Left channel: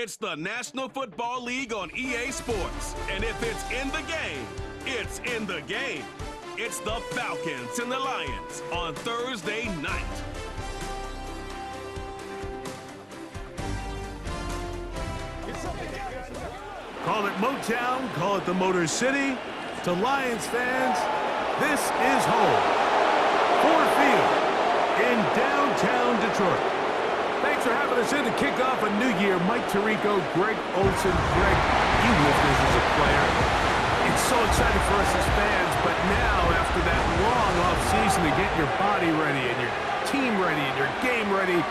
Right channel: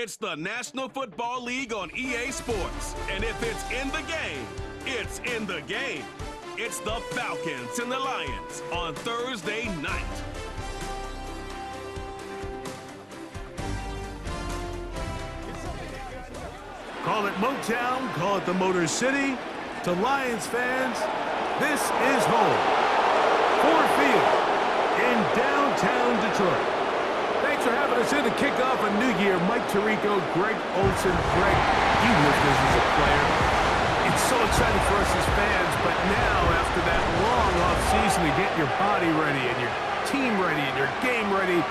It's the National Football League on EA Sports. And if it's in the game, it's in the game. It's the Falcons and the Lions on Thursday night. Call it Motown, call it the Motor City. To Lions fans, this is home. Ford Field in downtown Detroit. Thanks for having us in to kick off a new year. Mike Tirico, Greg Olson. Greg, you lived this as a player. It's so exciting for us as fans, but now after that long offseason to get your body ready and your team ready and your game ready,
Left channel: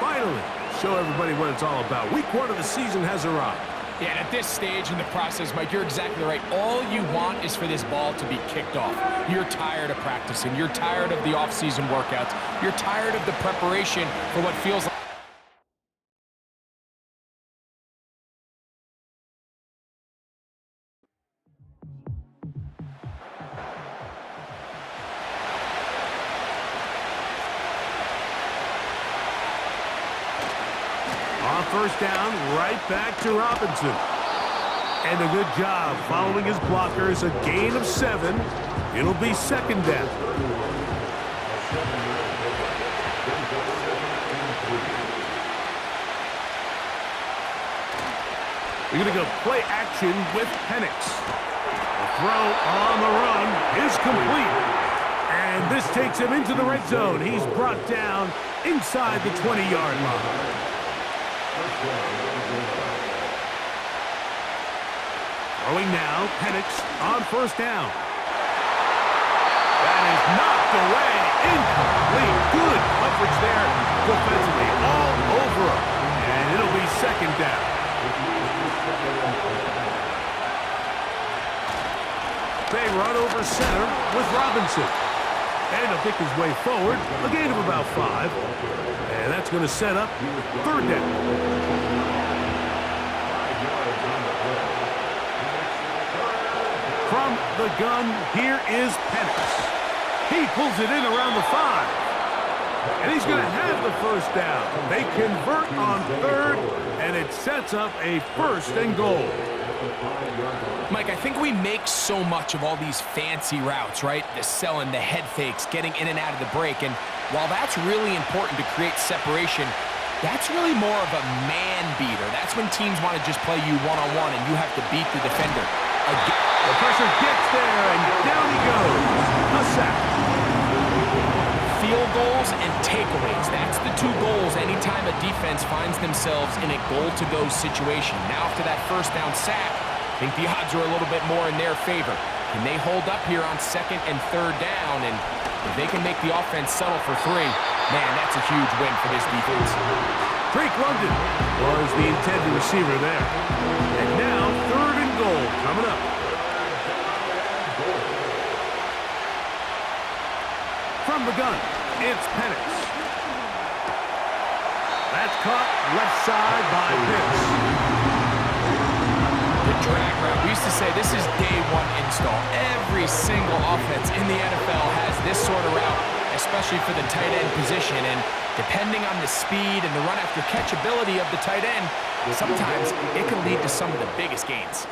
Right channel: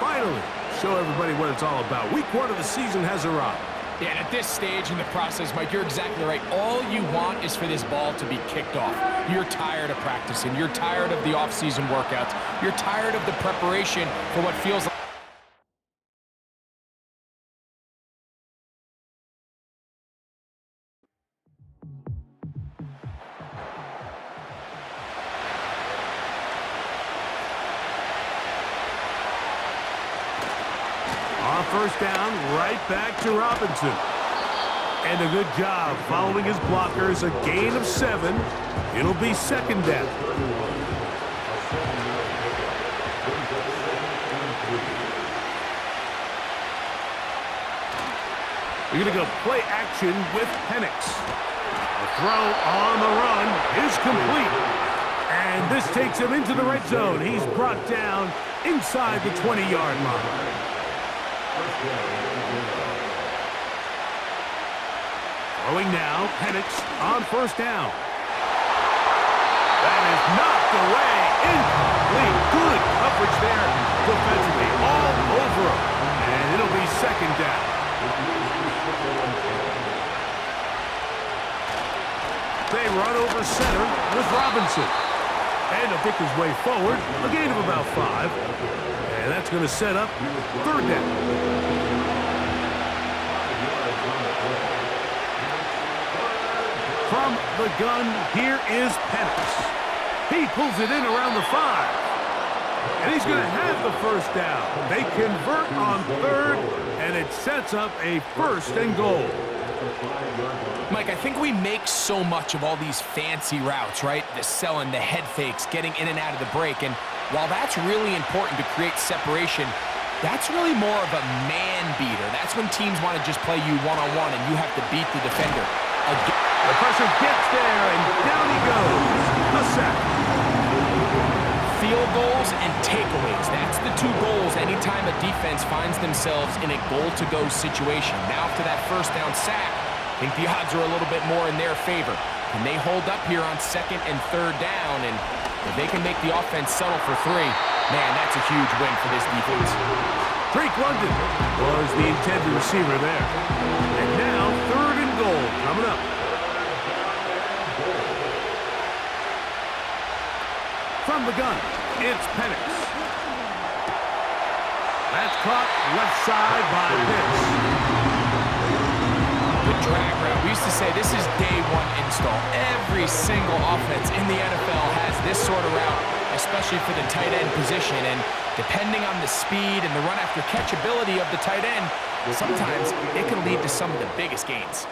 finally show everybody what it's all about. Week 1 of the season has arrived. Yeah, and at this stage in the process, Mike, you're exactly right. All you want is for this ball to be kicked off. You're tired of practicing. You're tired of the off-season workouts. You're tired of the preparation for what feels like on first down, right back to Robinson. And a good job following his blockers. A gain of 7. It'll be second down. We're going to go play action with Penix. The throw on the run is complete. And this takes him into the red zone. He's brought down inside the 20-yard line. Throwing now, Penix on first down. That is knocked away, incomplete. Good coverage there defensively, all over him. And it'll be second down. They run over center with Robinson. And he'll pick his way forward, a gain of about 5. And that's going to set up third down. From the gun, here is Penix. He pulls it in around the 5. And he's going to have the first down. They convert on third, and it sets up a first and goal. Mike, I think we make so much of all these fancy routes, right? The selling, the head fakes, getting in and out of the break. And while that's really important to create separation, that's really more of a man beater. That's when teams want to just play you one-on-one and you have to beat the defender. The pressure gets there, and down he goes. A sack. Field goals and takeaways. That's the 2 goals anytime a defense finds themselves in a goal-to-go situation. Now after that first down sack, I think the odds are a little bit more in their favor. Can they hold up here on second and third down? And if they can make the offense settle for 3, man, that's a huge win for this defense. Drake London was the intended receiver there. And now third and goal coming up. From the gun, it's Penix. That's caught left side by Pitts. The drag route. We used to say this is day 1 install. Every single offense in the NFL has this sort of route, especially for the tight end position. And depending on the speed and the run after catch ability of the tight end, sometimes it can lead to some of the biggest gains.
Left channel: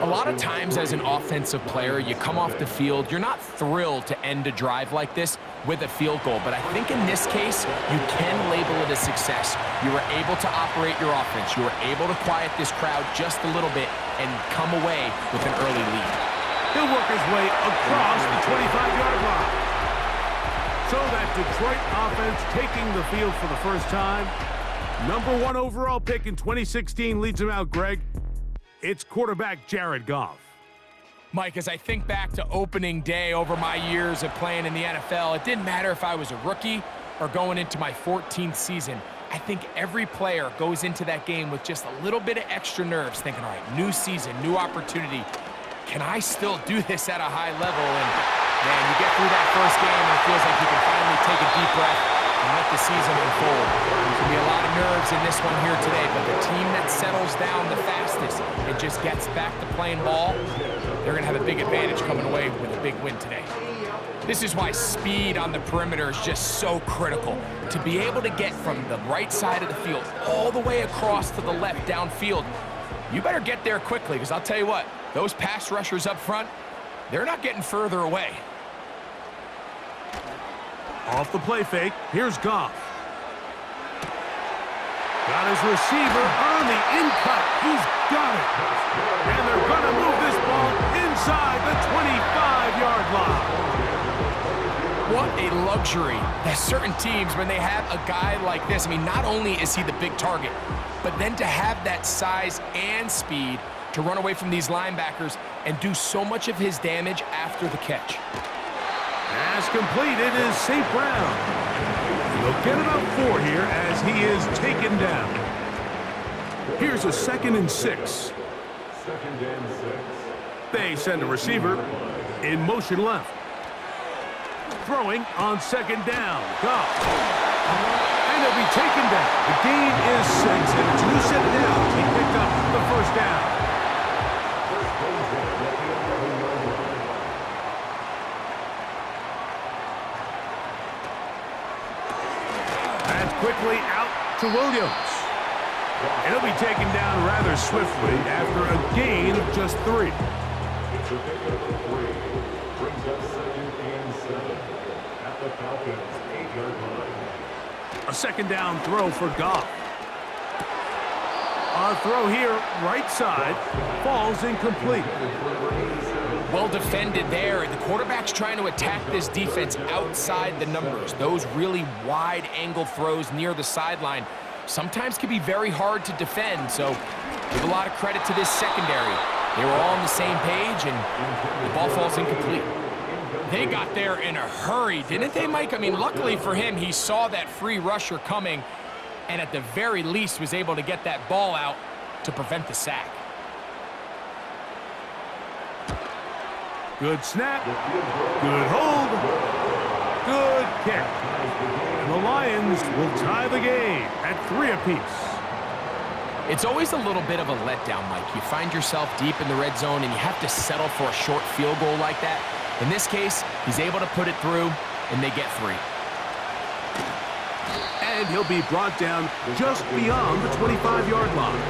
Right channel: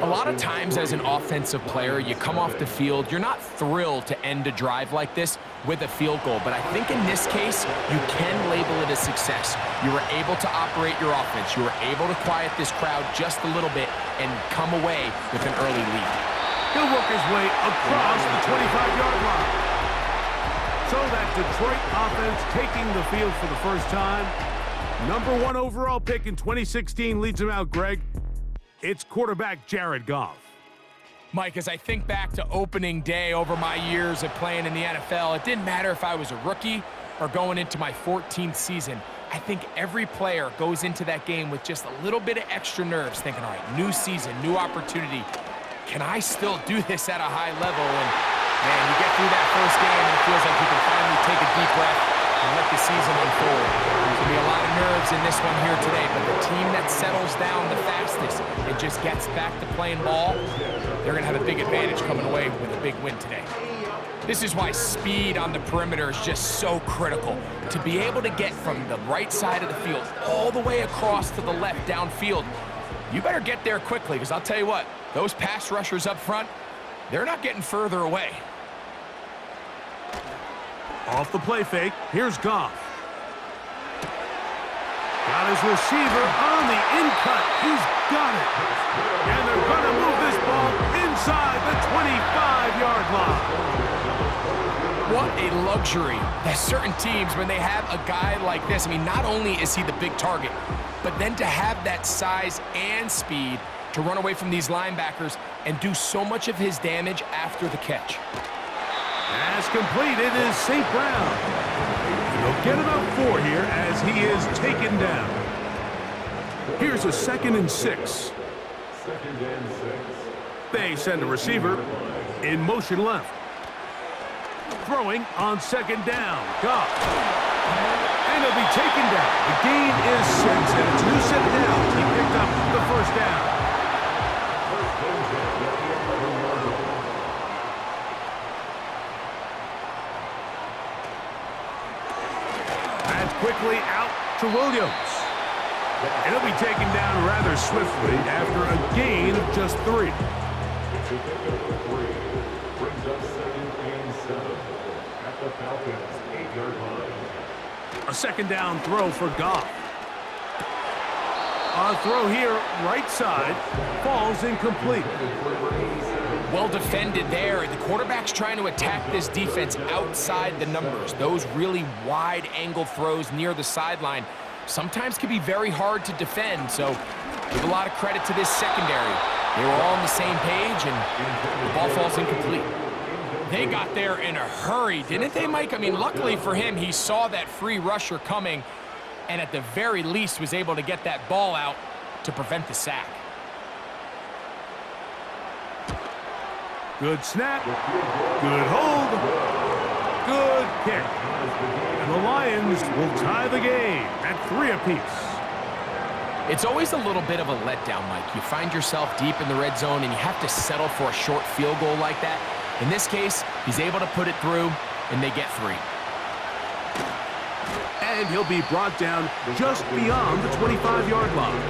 A lot of times as an offensive player, you come off the field, you're not thrilled to end a drive like this with a field goal. But I think in this case, you can label it a success. You were able to operate your offense. You were able to quiet this crowd just a little bit and come away with an early lead. He'll work his way across the 25-yard line. So that Detroit offense taking the field for the first time. Number 1 overall pick in 2016 leads him out, Greg. It's quarterback Jared Goff. Mike, as I think back to opening day over my years of playing in the NFL, it didn't matter if I was a rookie or going into my 14th season. I think every player goes into that game with just a little bit of extra nerves, thinking, all right, new season, new opportunity. Can I still do this at a high level? And man, you get through that first game and it feels like you can finally take a deep breath and let the season unfold. There's going to be a lot of nerves in this one here today, but the team that settles down the fastest and just gets back to playing ball, they're going to have a big advantage coming away with a big win today. This is why speed on the perimeter is just so critical. To be able to get from the right side of the field all the way across to the left downfield, you better get there quickly, because I'll tell you what, those pass rushers up front, they're not getting further away. Off the play fake, here's Goff. Got his receiver on the in-cut. He's got it. And they're going to move this ball inside the 25-yard line. What a luxury that certain teams, when they have a guy like this, I mean, not only is he the big target, but then to have that size and speed to run away from these linebackers and do so much of his damage after the catch. As completed is St. Brown. And they'll get about 4 here as he is taken down. Here's a 2nd and 6. 2nd and 6. They send a receiver in motion left. Throwing on 2nd down. Goff. And he'll be taken down. The gain is 6, and it's a new set of downs. He picked up the first down. That's quickly out to Williams. And he'll be taken down rather swiftly after a gain of just 3. It's a pickup of 3. Brings us 2nd and 7 at the Falcons' 8-yard line. A 2nd down throw for Goff. A throw here, right side, falls incomplete. Well defended there. The quarterback's trying to attack this defense outside the numbers. Those really wide angle throws near the sideline sometimes can be very hard to defend, so give a lot of credit to this secondary. They were all on the same page, and the ball falls incomplete. They got there in a hurry, didn't they, Mike? I mean, luckily for him, he saw that free rusher coming, and at the very least was able to get that ball out to prevent the sack. Good snap, good hold, good kick. And the Lions will tie the game at 3 apiece. It's always a little bit of a letdown, Mike. You find yourself deep in the red zone and you have to settle for a short field goal like that. In this case, he's able to put it through, and they get 3. And he'll be brought down just beyond the 25-yard line.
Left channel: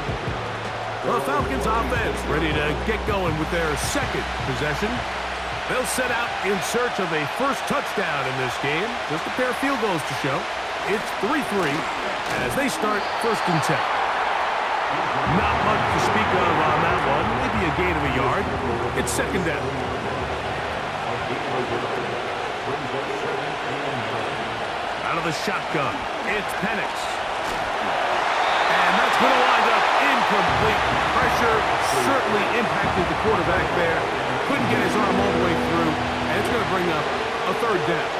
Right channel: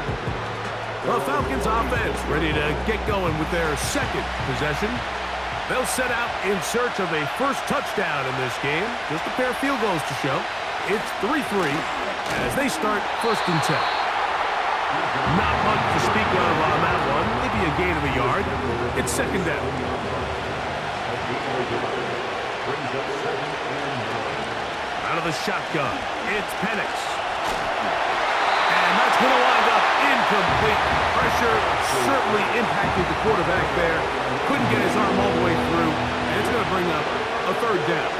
The Falcons offense ready to get going with their 2nd possession. They'll set out in search of a first touchdown in this game. Just a pair of field goals to show. It's 3-3 as they start 1st and 10. Not much to speak of on that one. Maybe a gain of a yard. It's 2nd down. Out of the shotgun, it's Penix. And that's going to wind up incomplete. Pressure certainly impacted the quarterback there. Couldn't get his arm all the way through, and it's going to bring up a 3rd down.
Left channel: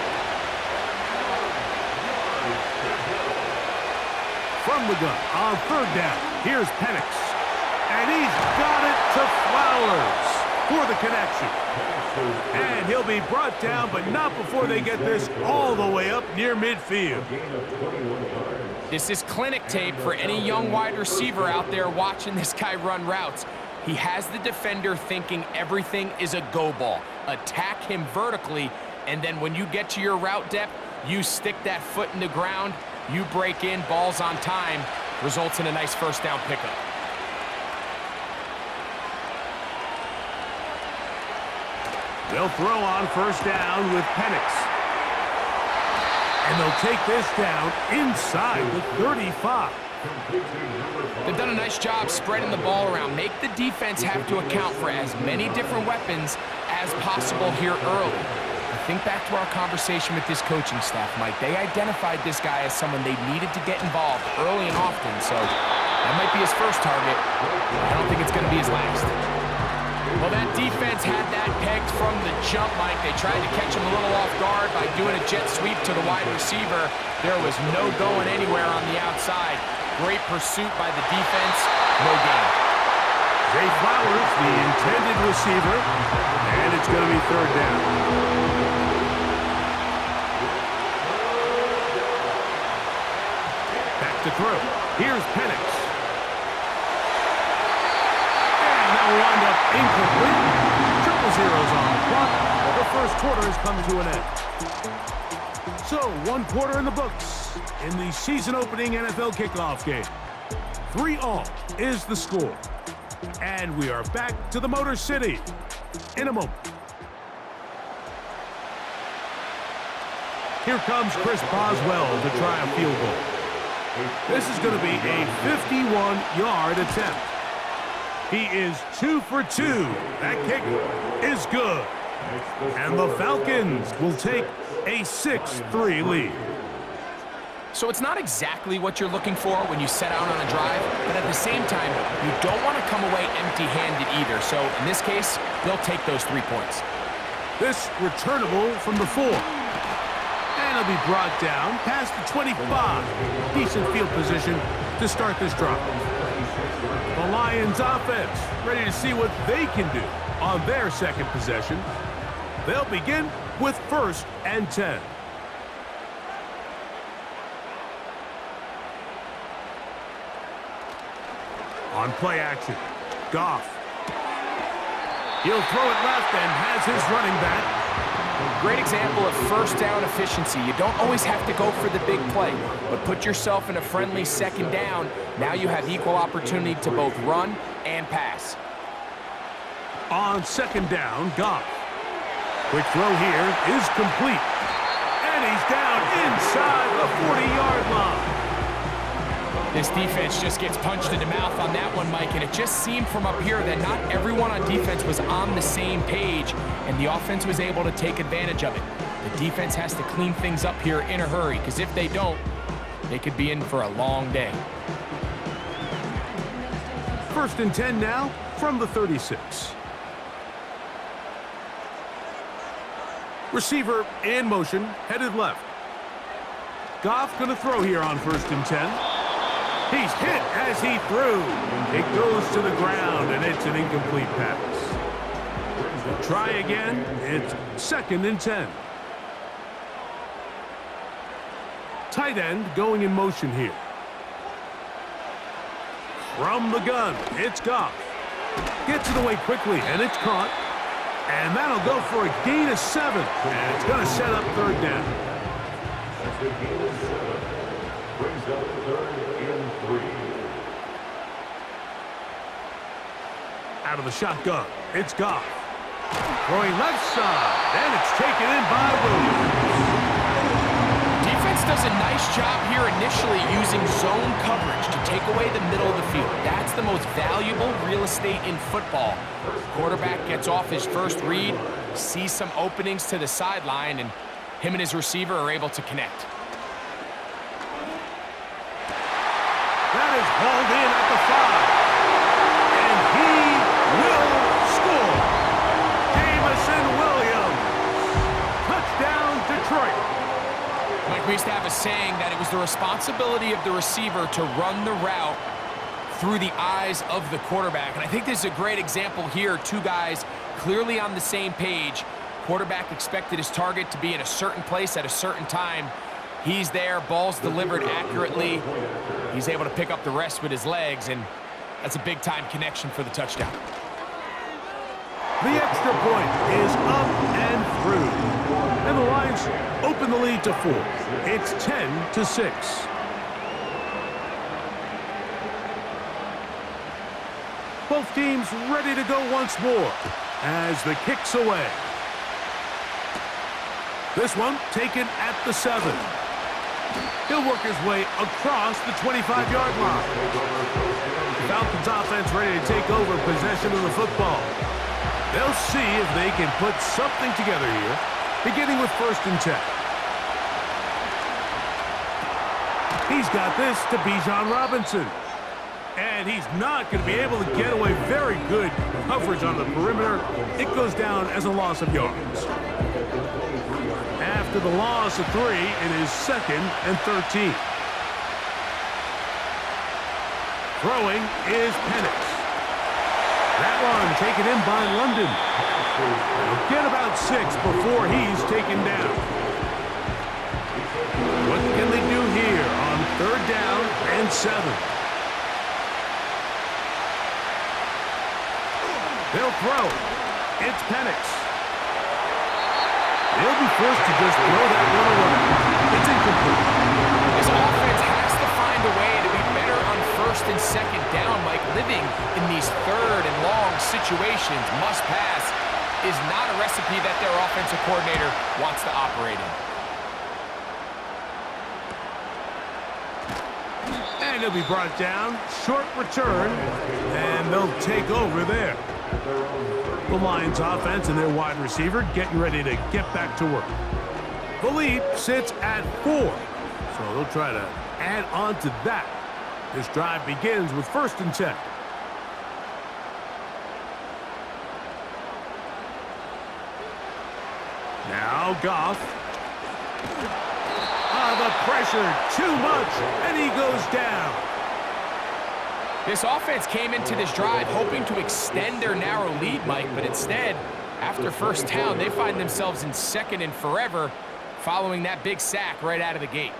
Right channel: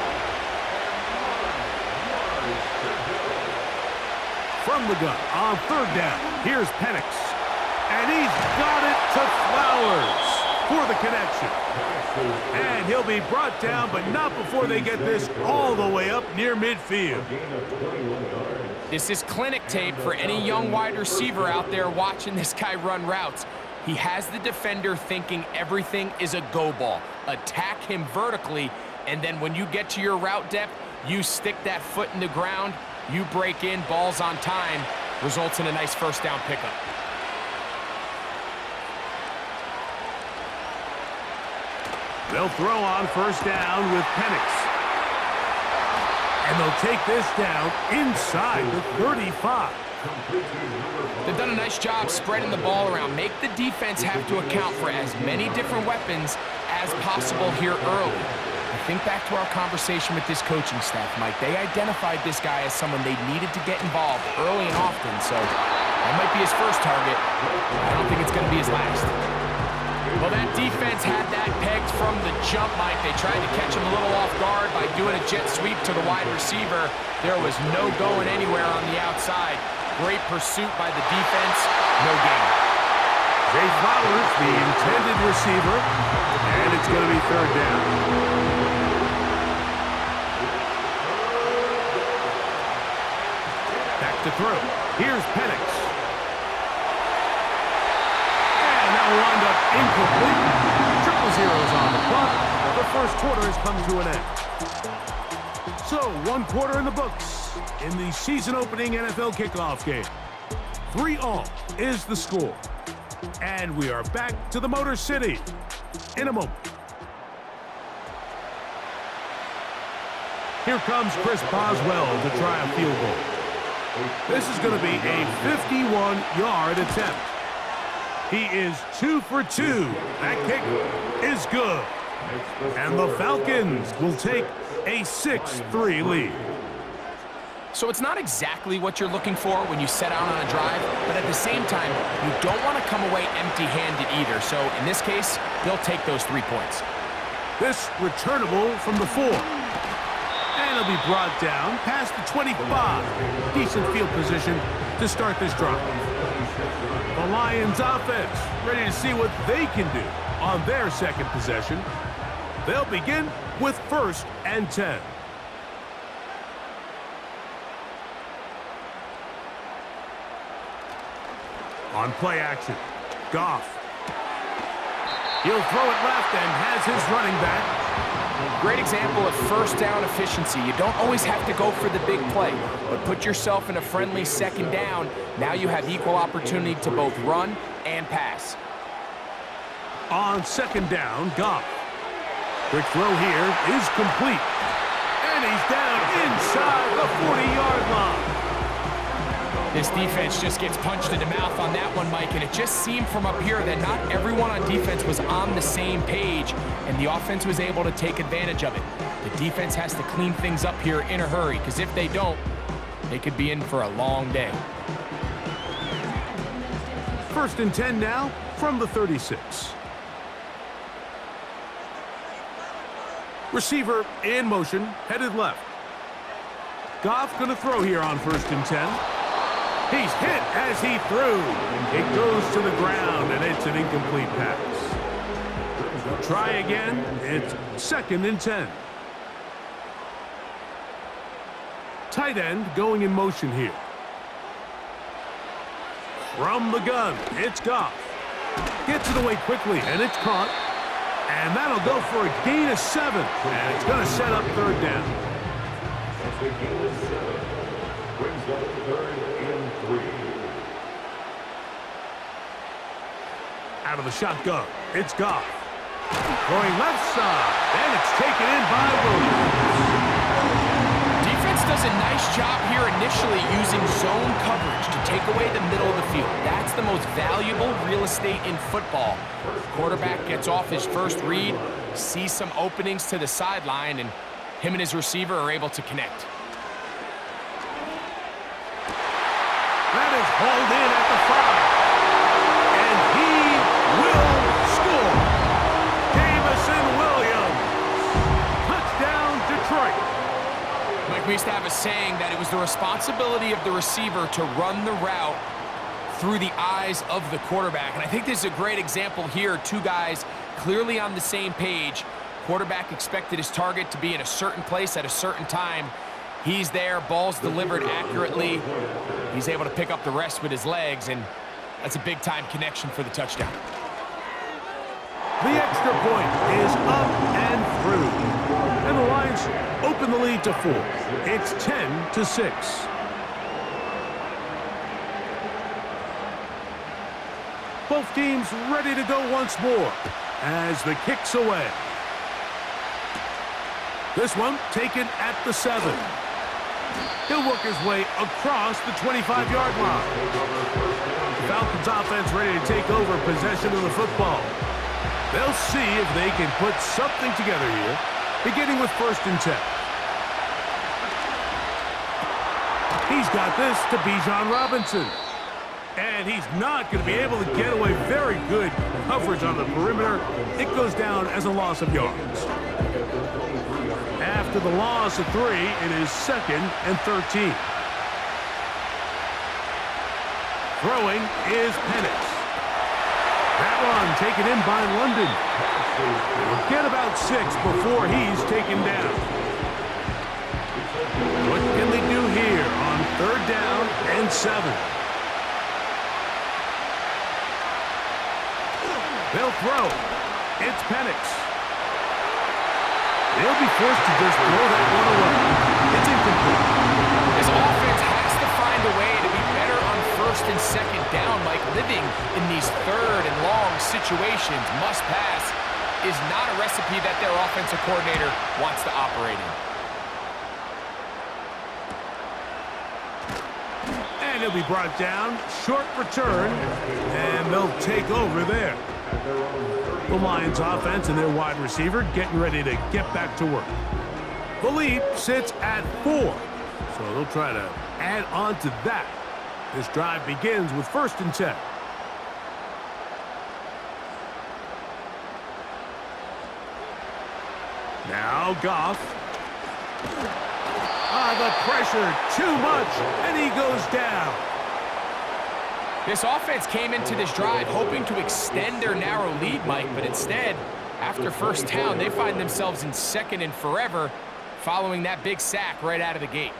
From the gun on 3rd down, here's Penix. And he's got it to Flowers for the connection. And he'll be brought down, but not before they get this all the way up near midfield. This is clinic tape for any young wide receiver out there watching this guy run routes. He has the defender thinking everything is a go ball. Attack him vertically, and then when you get to your route depth, you stick that foot in the ground, you break in, ball's on time, results in a nice 1st down pickup. They'll throw on 1st down with Penix. And they'll take this down inside the 35. They've done a nice job spreading the ball around. Make the defense have to account for as many different weapons as possible here early. I think back to our conversation with this coaching staff, Mike. They identified this guy as someone they needed to get involved early and often, so that might be his first target. I don't think it's going to be his last. Well, that defense had that pegged from the jump, Mike. They tried to catch him a little off guard by doing a jet sweep to the wide receiver. There was no going anywhere on the outside. Great pursuit by the defense. No gain. Zay Flowers, the intended receiver, and it's going to be 3rd down. Back to throw. Here's Penix. And that will wind up incomplete. 0-0 on the clock. The first quarter has come to an end. So, one quarter in the books in the season-opening NFL kickoff game. 3-all is the score. And we are back to the Motor City in a moment. Here comes Chris Boswell to try a field goal. This is going to be a 51-yard attempt. He is 2 for 2. That kick is good. And the Falcons will take a 6-3 lead. So it's not exactly what you're looking for when you set out on a drive, but at the same time, you don't want to come away empty-handed either. So in this case, they'll take those 3 points. This returnable from the 4. And it'll be brought down past the 25. Decent field position to start this drive. The Lions offense ready to see what they can do on their second possession. They'll begin with 1st and 10. On play action, Goff. He'll throw it left and has his running back. Great example of first down efficiency. You don't always have to go for the big play, but put yourself in a friendly second down. Now you have equal opportunity to both run and pass. On second down, Goff. Quick throw here is complete. And he's down inside the 40-yard line. This defense just gets punched in the mouth on that one, Mike, and it just seemed from up here that not everyone on defense was on the same page, and the offense was able to take advantage of it. The defense has to clean things up here in a hurry, because if they don't, they could be in for a long day. 1st and 10 now from the 36. Receiver in motion, headed left. Goff going to throw here on 1st and 10. He's hit as he threw. It goes to the ground, and it's an incomplete pass. We'll try again. It's 2nd and 10. Tight end going in motion here. From the gun, it's Goff. Gets it away quickly, and it's caught. And that'll go for a gain of 7. And it's going to set up 3rd down. That's a gain of 7. Brings up 3rd and 3. Out of the shotgun, it's Goff. Throwing left side, and it's taken in by Williams. Defense does a nice job here initially using zone coverage to take away the middle of the field. That's the most valuable real estate in football. Quarterback gets off his first read, sees some openings to the sideline, and him and his receiver are able to connect. That is hauled in at the 5. And he will score. Jamison Williams. Touchdown, Detroit. Mike, we used to have a saying that it was the responsibility of the receiver to run the route through the eyes of the quarterback. And I think this is a great example here. 2 guys clearly on the same page. Quarterback expected his target to be in a certain place at a certain time. He's there, ball's delivered accurately. He's able to pick up the rest with his legs, and that's a big-time connection for the touchdown. The extra point is up and through. And the Lions open the lead to 4. It's 10-6. Both teams ready to go once more as the kick's away. This one taken at the 7. He'll work his way across the 25-yard line. The Falcons offense ready to take over possession of the football. They'll see if they can put something together here, beginning with 1st and 10. He's got this to Bijan Robinson. And he's not going to be able to get away. Very good coverage on the perimeter. It goes down as a loss of yards. After the loss of 3, it is 2nd and 13. Throwing is Penix. That one taken in by London. He'll get about 6 before he's taken down. What can they do here on 3rd down and 7? They'll throw. It's Penix. He'll be forced to just throw that one away. It's incomplete. This offense has to find a way to be better on first and second down, Mike. Living in these third and long situations, must pass, is not a recipe that their offensive coordinator wants to operate in. And he'll be brought down. Short return. And they'll take over there. The Lions offense and their wide receiver getting ready to get back to work. The lead sits at 4. So they'll try to add on to that. This drive begins with 1st and 10. Now Goff. The pressure, too much, and he goes down. This offense came into this drive hoping to extend their narrow lead, Mike, but instead, after first down, they find themselves in 2nd and forever following that big sack right out of the gate.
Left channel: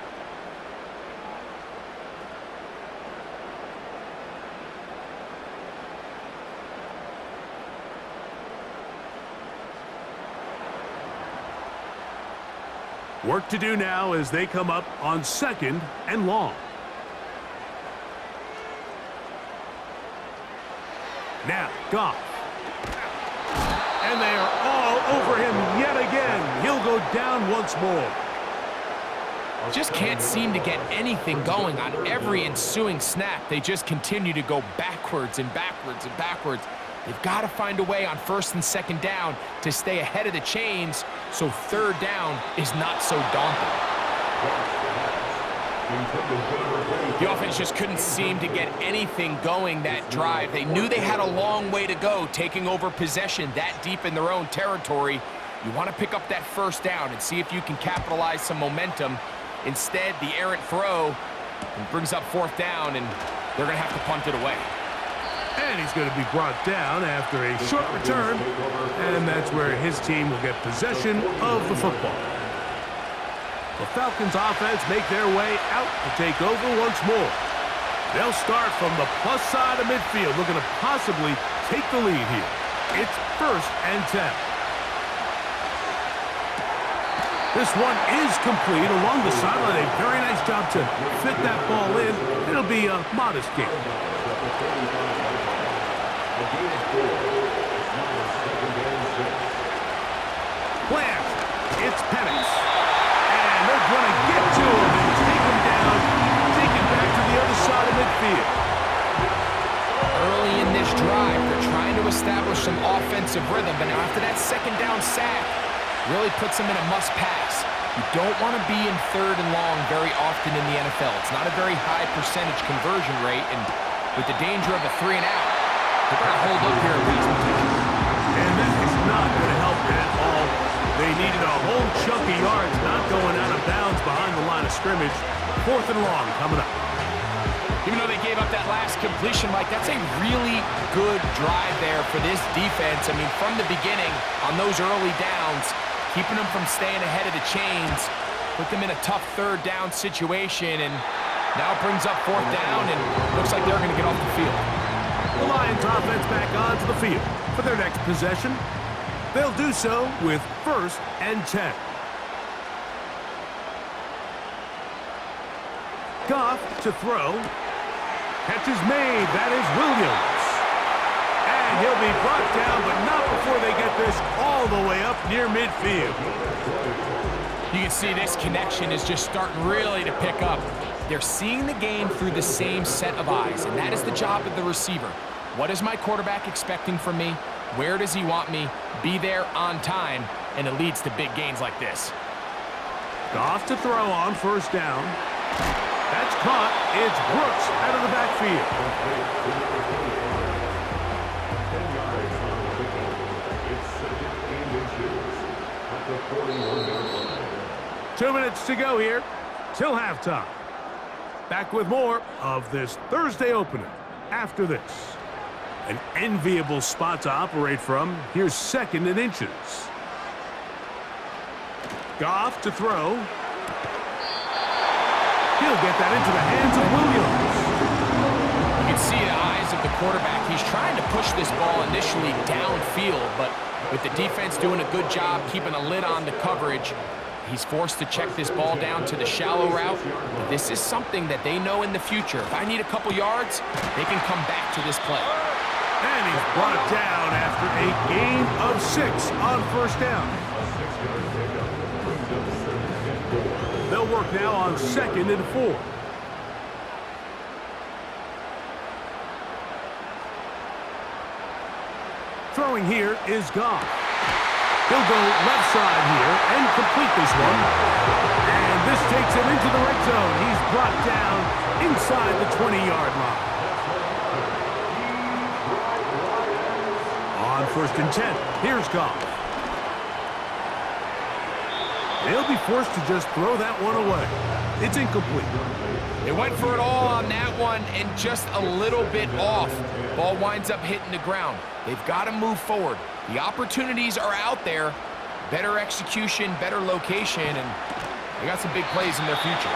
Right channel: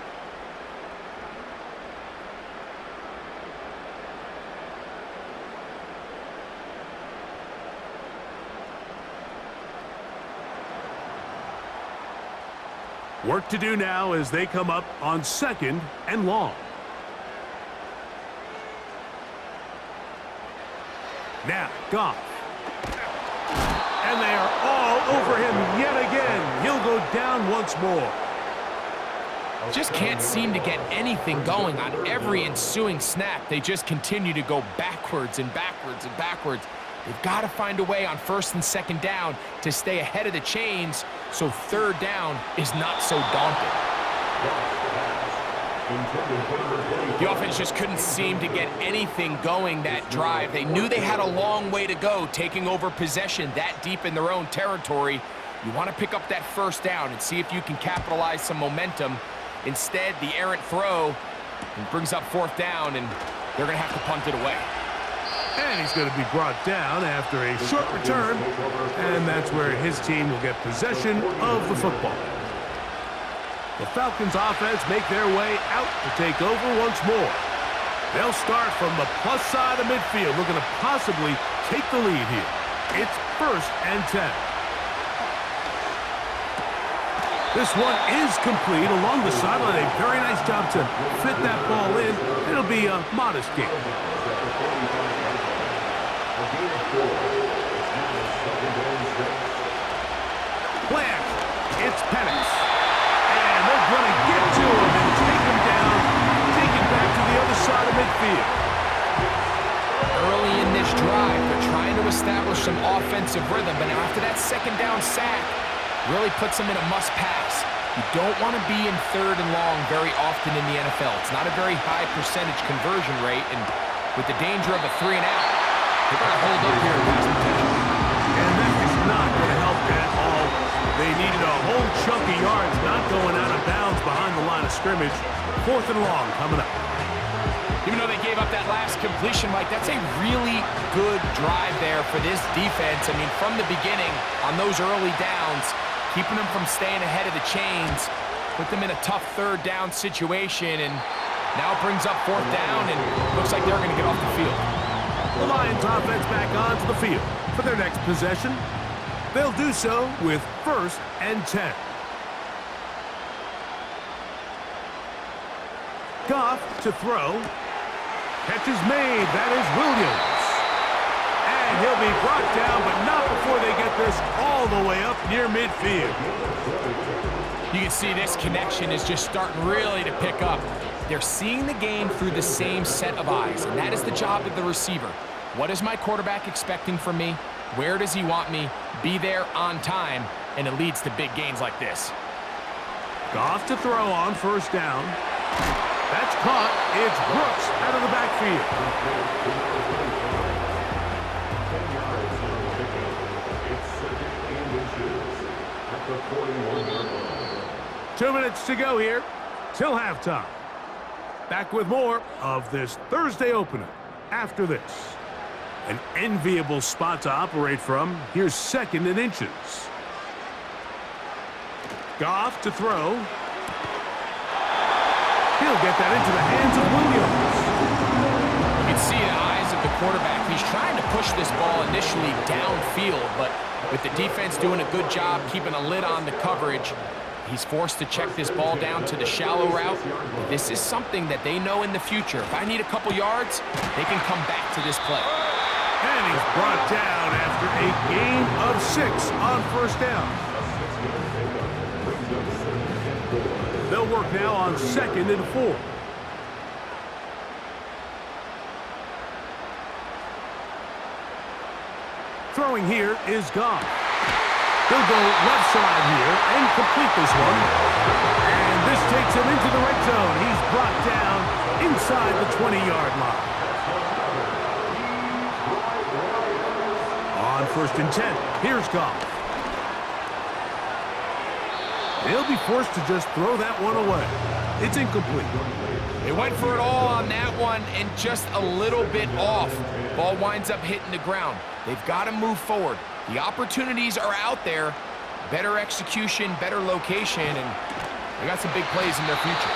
Work to do now as they come up on 2nd and long. Now, Goff. And they are all over him yet again. He'll go down once more. Just can't seem to get anything going on every ensuing snap. They just continue to go backwards and backwards and backwards. They've got to find a way on 1st and 2nd down to stay ahead of the chains so 3rd down is not so daunting. The offense just couldn't seem to get anything going that drive. They knew they had a long way to go taking over possession that deep in their own territory. You want to pick up that 1st down and see if you can capitalize some momentum. Instead, the errant throw brings up 4th down, and they're going to have to punt it away. And he's going to be brought down after a short return, and that's where his team will get possession of the football. The Falcons offense make their way out to take over once more. They'll start from the plus side of midfield, looking to possibly take the lead here. It's 1st and 10. This one is complete along the sideline. A very nice job to fit that ball in. It'll be a modest gain. Plant. It's Penix. And they're going to get to him and take him down, take it back to the other side of midfield. Early in this drive, they're trying to establish some offensive rhythm, but now after that 2nd down sack, really puts them in a must-pass. You don't want to be in 3rd and long very often in the NFL. It's not a very high percentage conversion rate, and with the danger of a 3 and out, they're going to hold up here in pass protection. And that is not going to help at all. They needed a whole chunk of yards, not going out of bounds behind the line of scrimmage. 4th and long coming up. Even though they gave up that last completion, Mike, that's a really good drive there for this defense. I mean, from the beginning, on those early downs, keeping them from staying ahead of the chains, put them in a tough 3rd down situation, and now it brings up 4th down, and looks like they're going to get off the field. The Lions offense back onto the field for their next possession. They'll do so with 1st and 10. Goff to throw. Catch is made. That is Williams. And he'll be brought down, but not before they get this all the way up near midfield. You can see this connection is just starting really to pick up. They're seeing the game through the same set of eyes, and that is the job of the receiver. What is my quarterback expecting from me? Where does he want me? Be there on time, and it leads to big gains like this. Goff to throw on 1st down. That's caught. It's Brooks out of the backfield. 10 yards on the pickup. It's 2nd and inches at the 41-yard line. 2 minutes to go here till halftime. Back with more of this Thursday opener after this. An enviable spot to operate from. Here's 2nd and inches. Goff to throw. He'll get that into the hands of Williams. You can see the eyes of the quarterback. He's trying to push this ball initially downfield, but With the defense doing a good job keeping a lid on the coverage, he's forced to check this ball down to the shallow route. But this is something that they know in the future. If I need a couple yards, they can come back to this play. And he's brought down after a gain of 6 on first down. A 6-yard pickup brings up 2nd and 4. They'll work now on 2nd and 4. Throwing here is Goff. He'll go left side here and complete this one. And this takes him into the red zone. He's brought down inside the 20-yard line. On 1st and 10, here's Goff. He'll be forced to just throw that one away. It's incomplete. They went for it all on that one and just a little bit off. Ball winds up hitting the ground. They've got to move forward. The opportunities are out there. Better execution, better location, and they got some big plays in their future.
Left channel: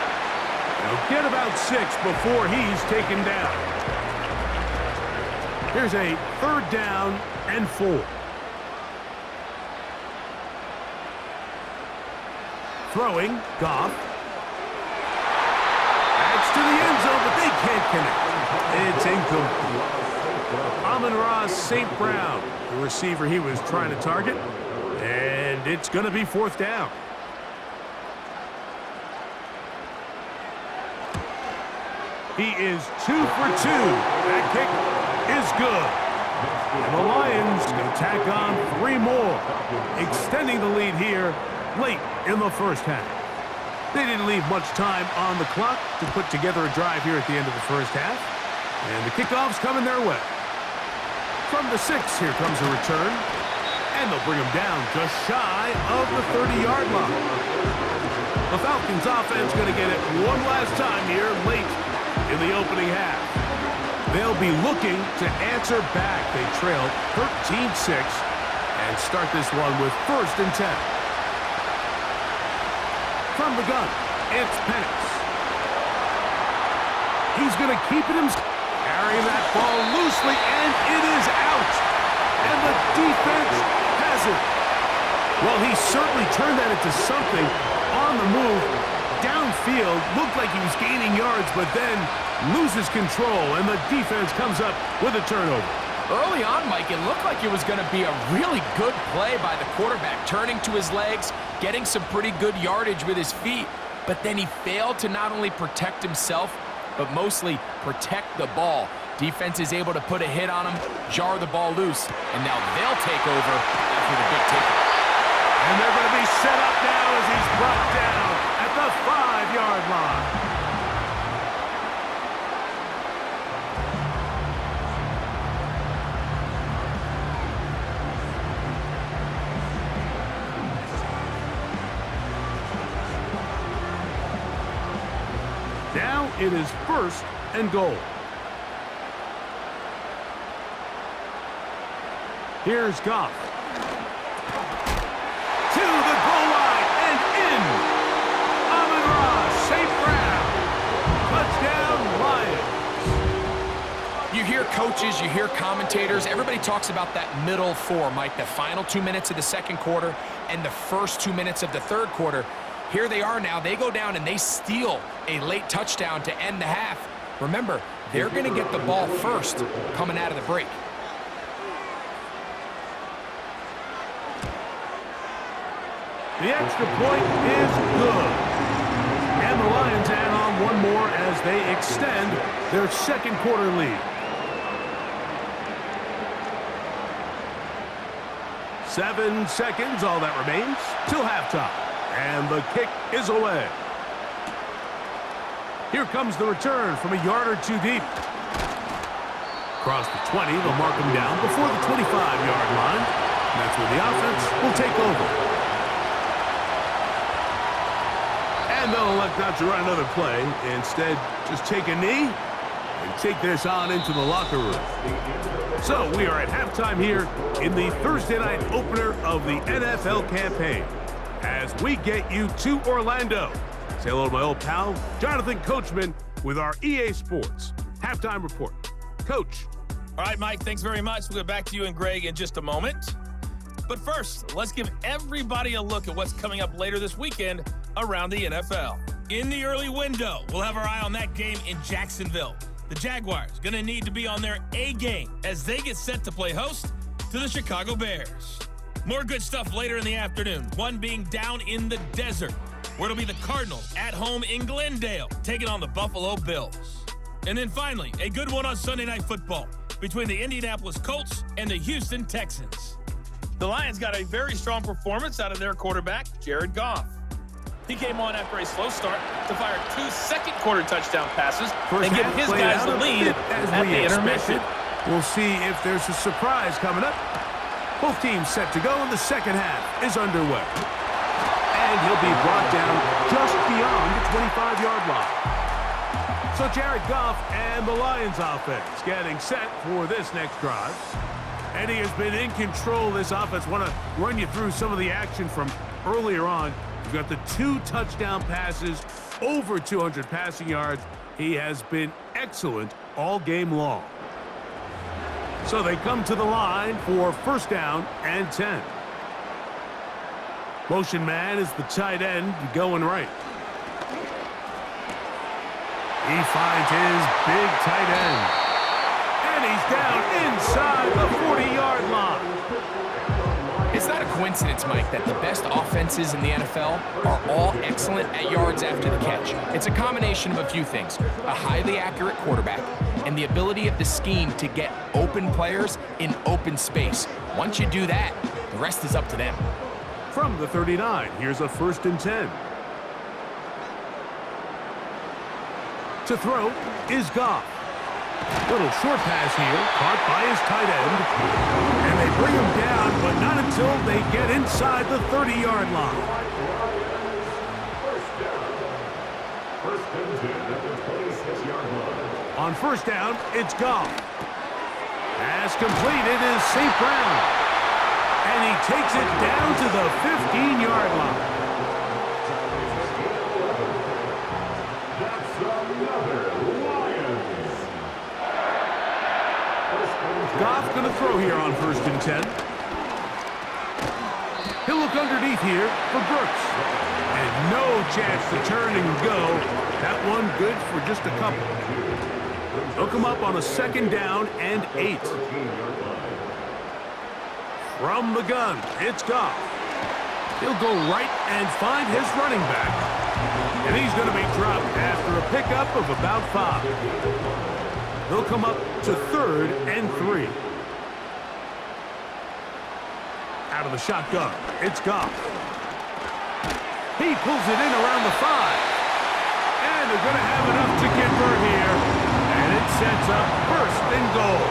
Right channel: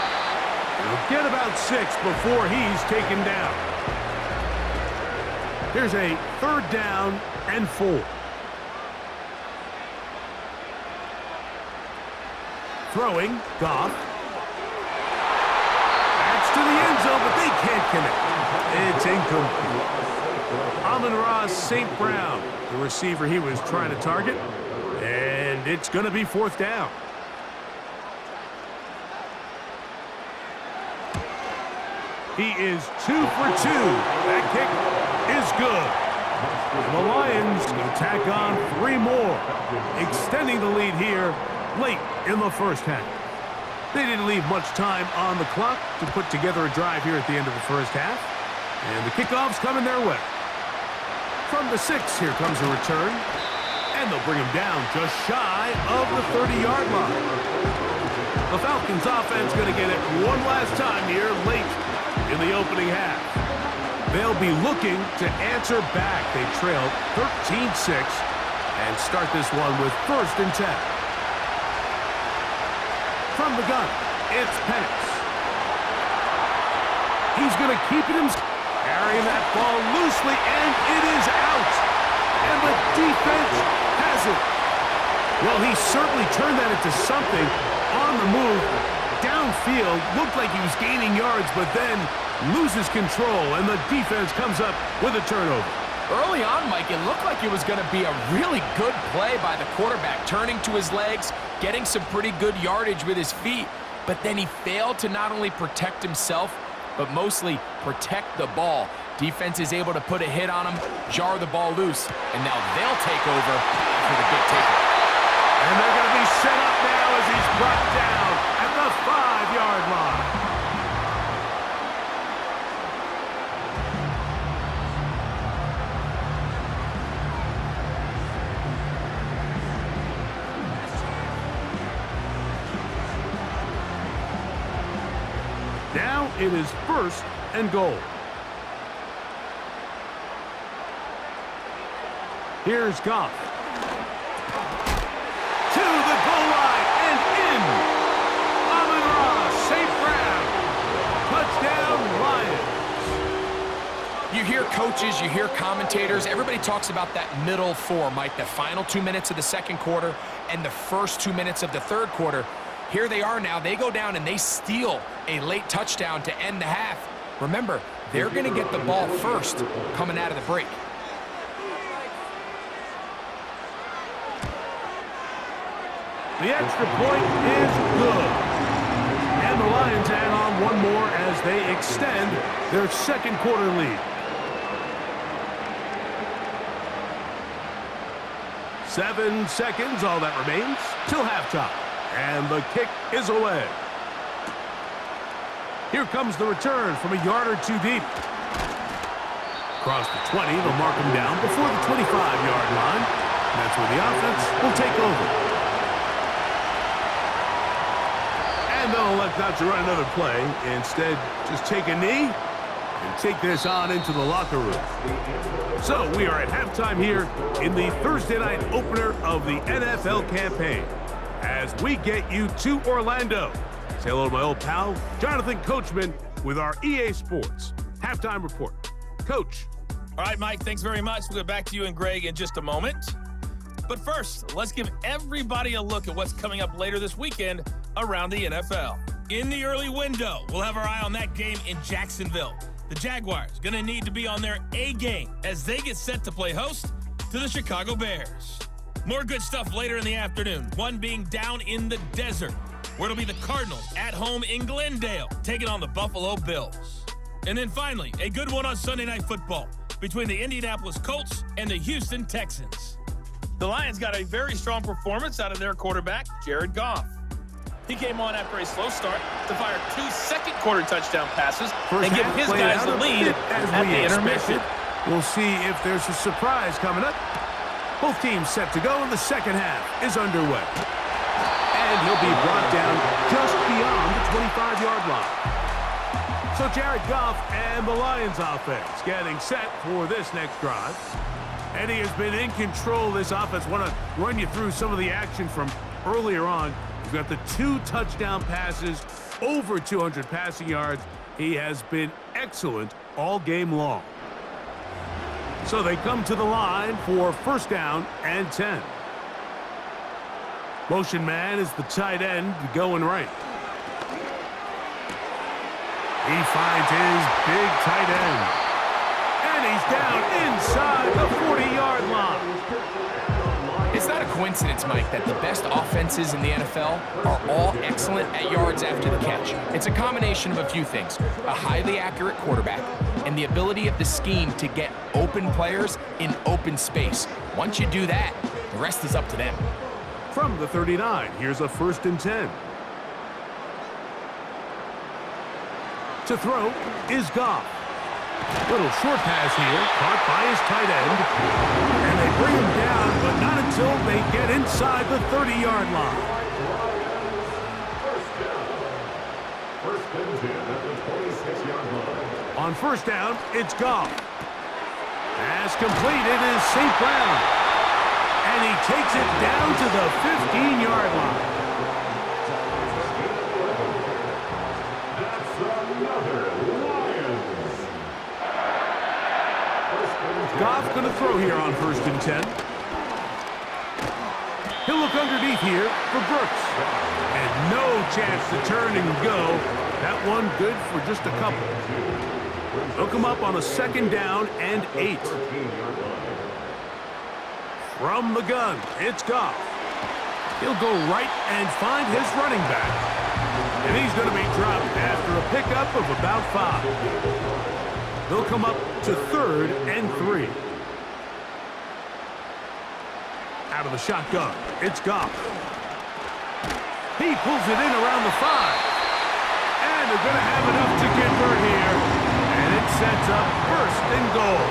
He'll get about 6 before he's taken down. Here's a 3rd down and 4. Throwing, Goff. That's to the end zone, but they can't connect. It's incomplete. Amon-Ra St. Brown, the receiver he was trying to target. And it's going to be 4th down. He is 2 for 2. That kick is good. And the Lions going to tack on 3 more, extending the lead here late in the first half. They didn't leave much time on the clock to put together a drive here at the end of the first half. And the kickoff's coming their way. From the 6, here comes a return. And they'll bring him down just shy of the 30-yard line. The Falcons offense going to get it one last time here late in the opening half. They'll be looking to answer back. They trail 13-6 and start this one with 1st and 10. From the gun, it's Penix. He's going to keep it himself. Carrying that ball loosely, and it is out. And the defense has it. Well, he certainly turned that into something on the move. Downfield, looked like he was gaining yards, but then loses control, and the defense comes up with a turnover. Early on, Mike, it looked like it was going to be a really good play by the quarterback, turning to his legs, getting some pretty good yardage with his feet, but then he failed to not only protect himself, but mostly protect the ball. Defense is able to put a hit on him, jar the ball loose, and now they'll take over after the big takeaway. And they're going to be set up now as he's brought down at the 5-yard line. Now it is 1st and goal. Here's Goff. To the goal line and in. Amon-Ra St. Brown. Touchdown, Lions. You hear coaches, you hear commentators, everybody talks about that middle 4, Mike, the final 2 minutes of the second quarter and the first 2 minutes of the third quarter. Here they are now. They go down and they steal a late touchdown to end the half. Remember, they're going to get the ball first coming out of the break. The extra point is good. And the Lions add on one more as they extend their second quarter lead. 7 seconds, all that remains, till halftime. And the kick is away. Here comes the return from a yard or 2 deep. Across the 20, they'll mark him down before the 25-yard line. And that's where the offense will take over. And they'll elect not to run another play. Instead, just take a knee and take this on into the locker room. So we are at halftime here in the Thursday night opener of the NFL campaign. As we get you to Orlando. Say hello to my old pal, Jonathan Coachman, with our EA Sports halftime report. Coach. All right, Mike, thanks very much. We'll get back to you and Greg in just a moment. But first, let's give everybody a look at what's coming up later this weekend around the NFL. In the early window, we'll have our eye on that game in Jacksonville. The Jaguars going to need to be on their A game as they get set to play host to the Chicago Bears. More good stuff later in the afternoon, one being down in the desert, where it'll be the Cardinals at home in Glendale, taking on the Buffalo Bills. And then finally, a good one on Sunday Night Football between the Indianapolis Colts and the Houston Texans. The Lions got a very strong performance out of their quarterback, Jared Goff. He came on after a slow start to fire 2 second-quarter touchdown passes and give his guys the lead at the intermission. We'll see if there's a surprise coming up. Both teams set to go, and the second half is underway. And he'll be brought down just beyond the 25-yard line. So Jared Goff and the Lions offense getting set for this next drive. And he has been in control of this offense. Want to run you through some of the action from earlier on. You've got the 2 touchdown passes, over 200 passing yards. He has been excellent all game long. So they come to the line for first down and 10. Motion man is the tight end going right. He finds his big tight end. And he's down inside the 40-yard line. It's not a coincidence, Mike, that the best offenses in the NFL are all excellent at yards after the catch. It's a combination of a few things: a highly accurate quarterback and the ability of the scheme to get open players in open space. Once you do that, the rest is up to them. From the 39, here's a 1st and 10. To throw is Goff. Little short pass here, caught by his tight end. And they bring him down, but not until they get inside the 30-yard line. First and 10 at the 26-yard line. On first down, it's Goff. Pass completed is St. Brown. And he takes it down to the 15-yard line. That's another Lions. Goff's going to throw here on 1st and 10. He'll look underneath here for Brooks. And no chance to turn and go. That one good for just a couple. They'll come up on a 2nd down and 8. From the gun, it's Goff. He'll go right and find his running back. And he's going to be dropped after a pickup of about 5. They'll come up to 3rd and 3. Out of the shotgun, it's Goff. He pulls it in around the 5. And they're going to have enough to convert here. And it sets up 1st and goal.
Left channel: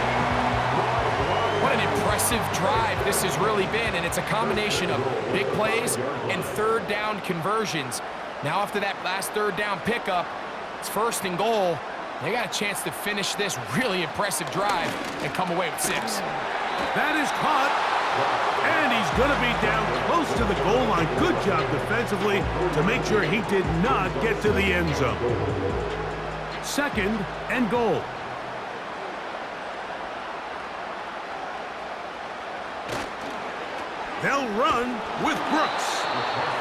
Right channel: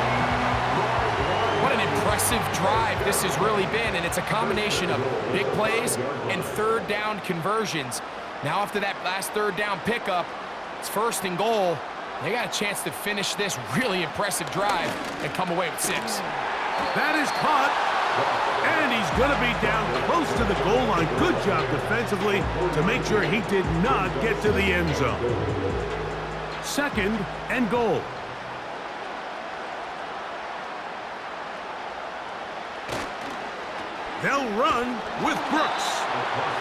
What an impressive drive this has really been, and it's a combination of big plays and 3rd down conversions. Now after that last 3rd down pickup, it's 1st and goal. They got a chance to finish this really impressive drive and come away with 6. That is caught, and he's going to be down close to the goal line. Good job defensively to make sure he did not get to the end zone. 2nd and goal. They'll run with Brooks.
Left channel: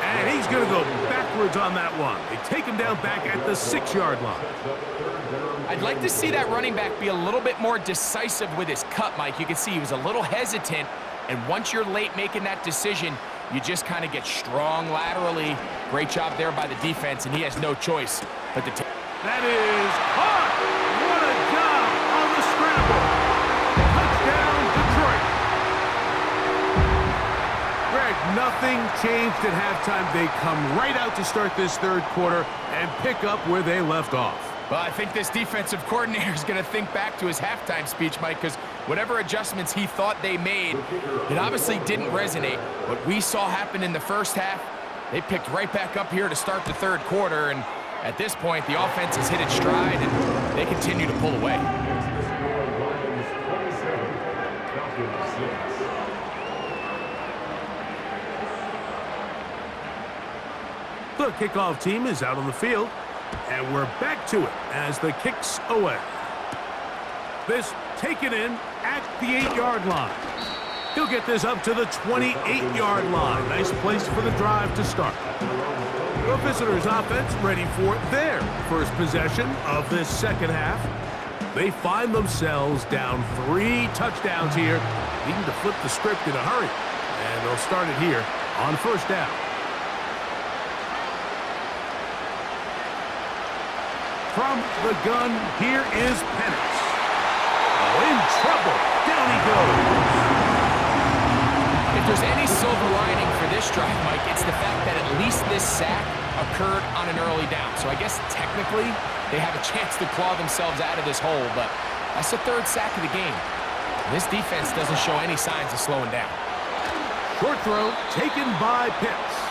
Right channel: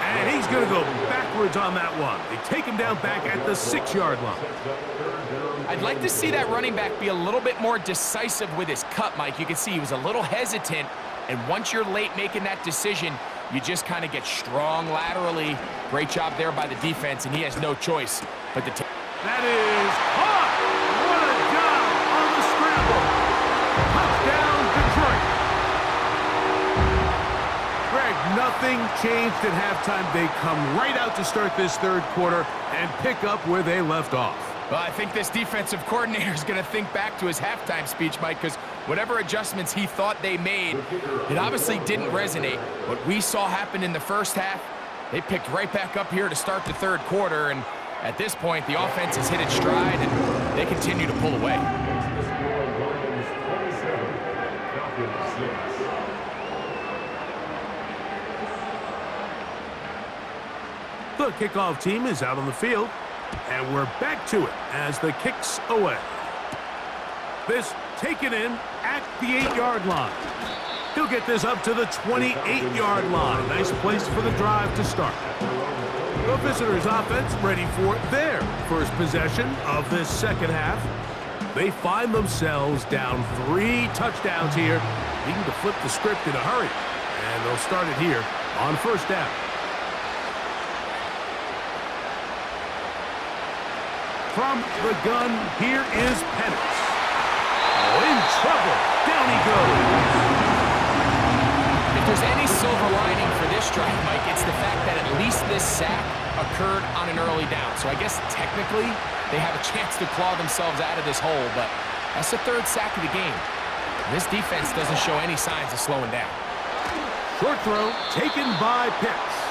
And he's going to go backwards on that one. They take him down back at the 6-yard line. I'd like to see that running back be a little bit more decisive with his cut, Mike. You can see he was a little hesitant, and once you're late making that decision, you just kind of get strong laterally. Great job there by the defense, and he has no choice but to take. That is caught. What a job on the scramble. Touchdown, Detroit. Greg, nothing changed at halftime. They come right out to start this 3rd quarter and pick up where they left off. Well, I think this defensive coordinator is going to think back to his halftime speech, Mike, because whatever adjustments he thought they made, it obviously didn't resonate. What we saw happen in the first half, they picked right back up here to start the 3rd quarter, and at this point, the offense has hit its stride, and they continue to pull away. The kickoff team is out on the field, and we're back to it as the kick's away. This taken in at the 8-yard line. He'll get this up to the 28-yard line. Nice place for the drive to start. The visitors' offense ready for their first possession of this second half. They find themselves down 3 touchdowns here, needing to flip the script in a hurry. And they'll start it here on first down. From the gun, here is Penix. Oh, in trouble. Down he goes. If there's any silver lining for this drive, Mike, it's the fact that at least this sack occurred on an early down. So I guess technically they have a chance to claw themselves out of this hole, but that's the 3rd sack of the game. And this defense doesn't show any signs of slowing down. Short throw taken by Pitts.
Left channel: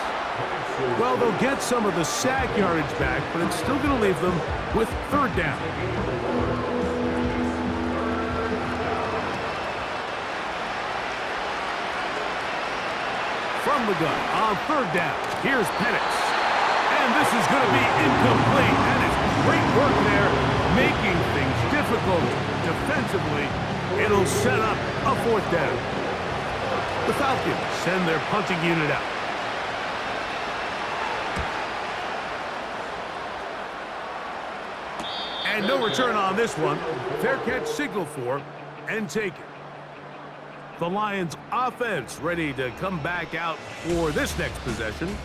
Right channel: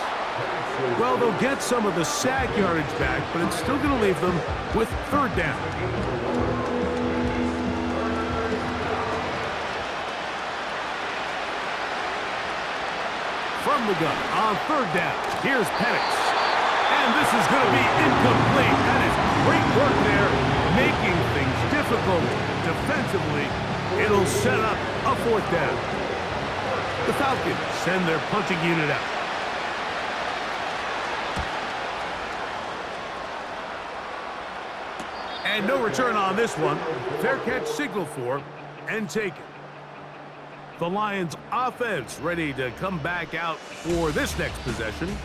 Well, they'll get some of the sack yardage back, but it's still going to leave them with 3rd down. From the gun on 3rd down, here's Penix. And this is going to be incomplete. That is great work there, making things difficult defensively. It'll set up a 4th down. The Falcons send their punting unit out. And no return on this one. Fair catch signaled for and taken. The Lions offense ready to come back out for this next possession.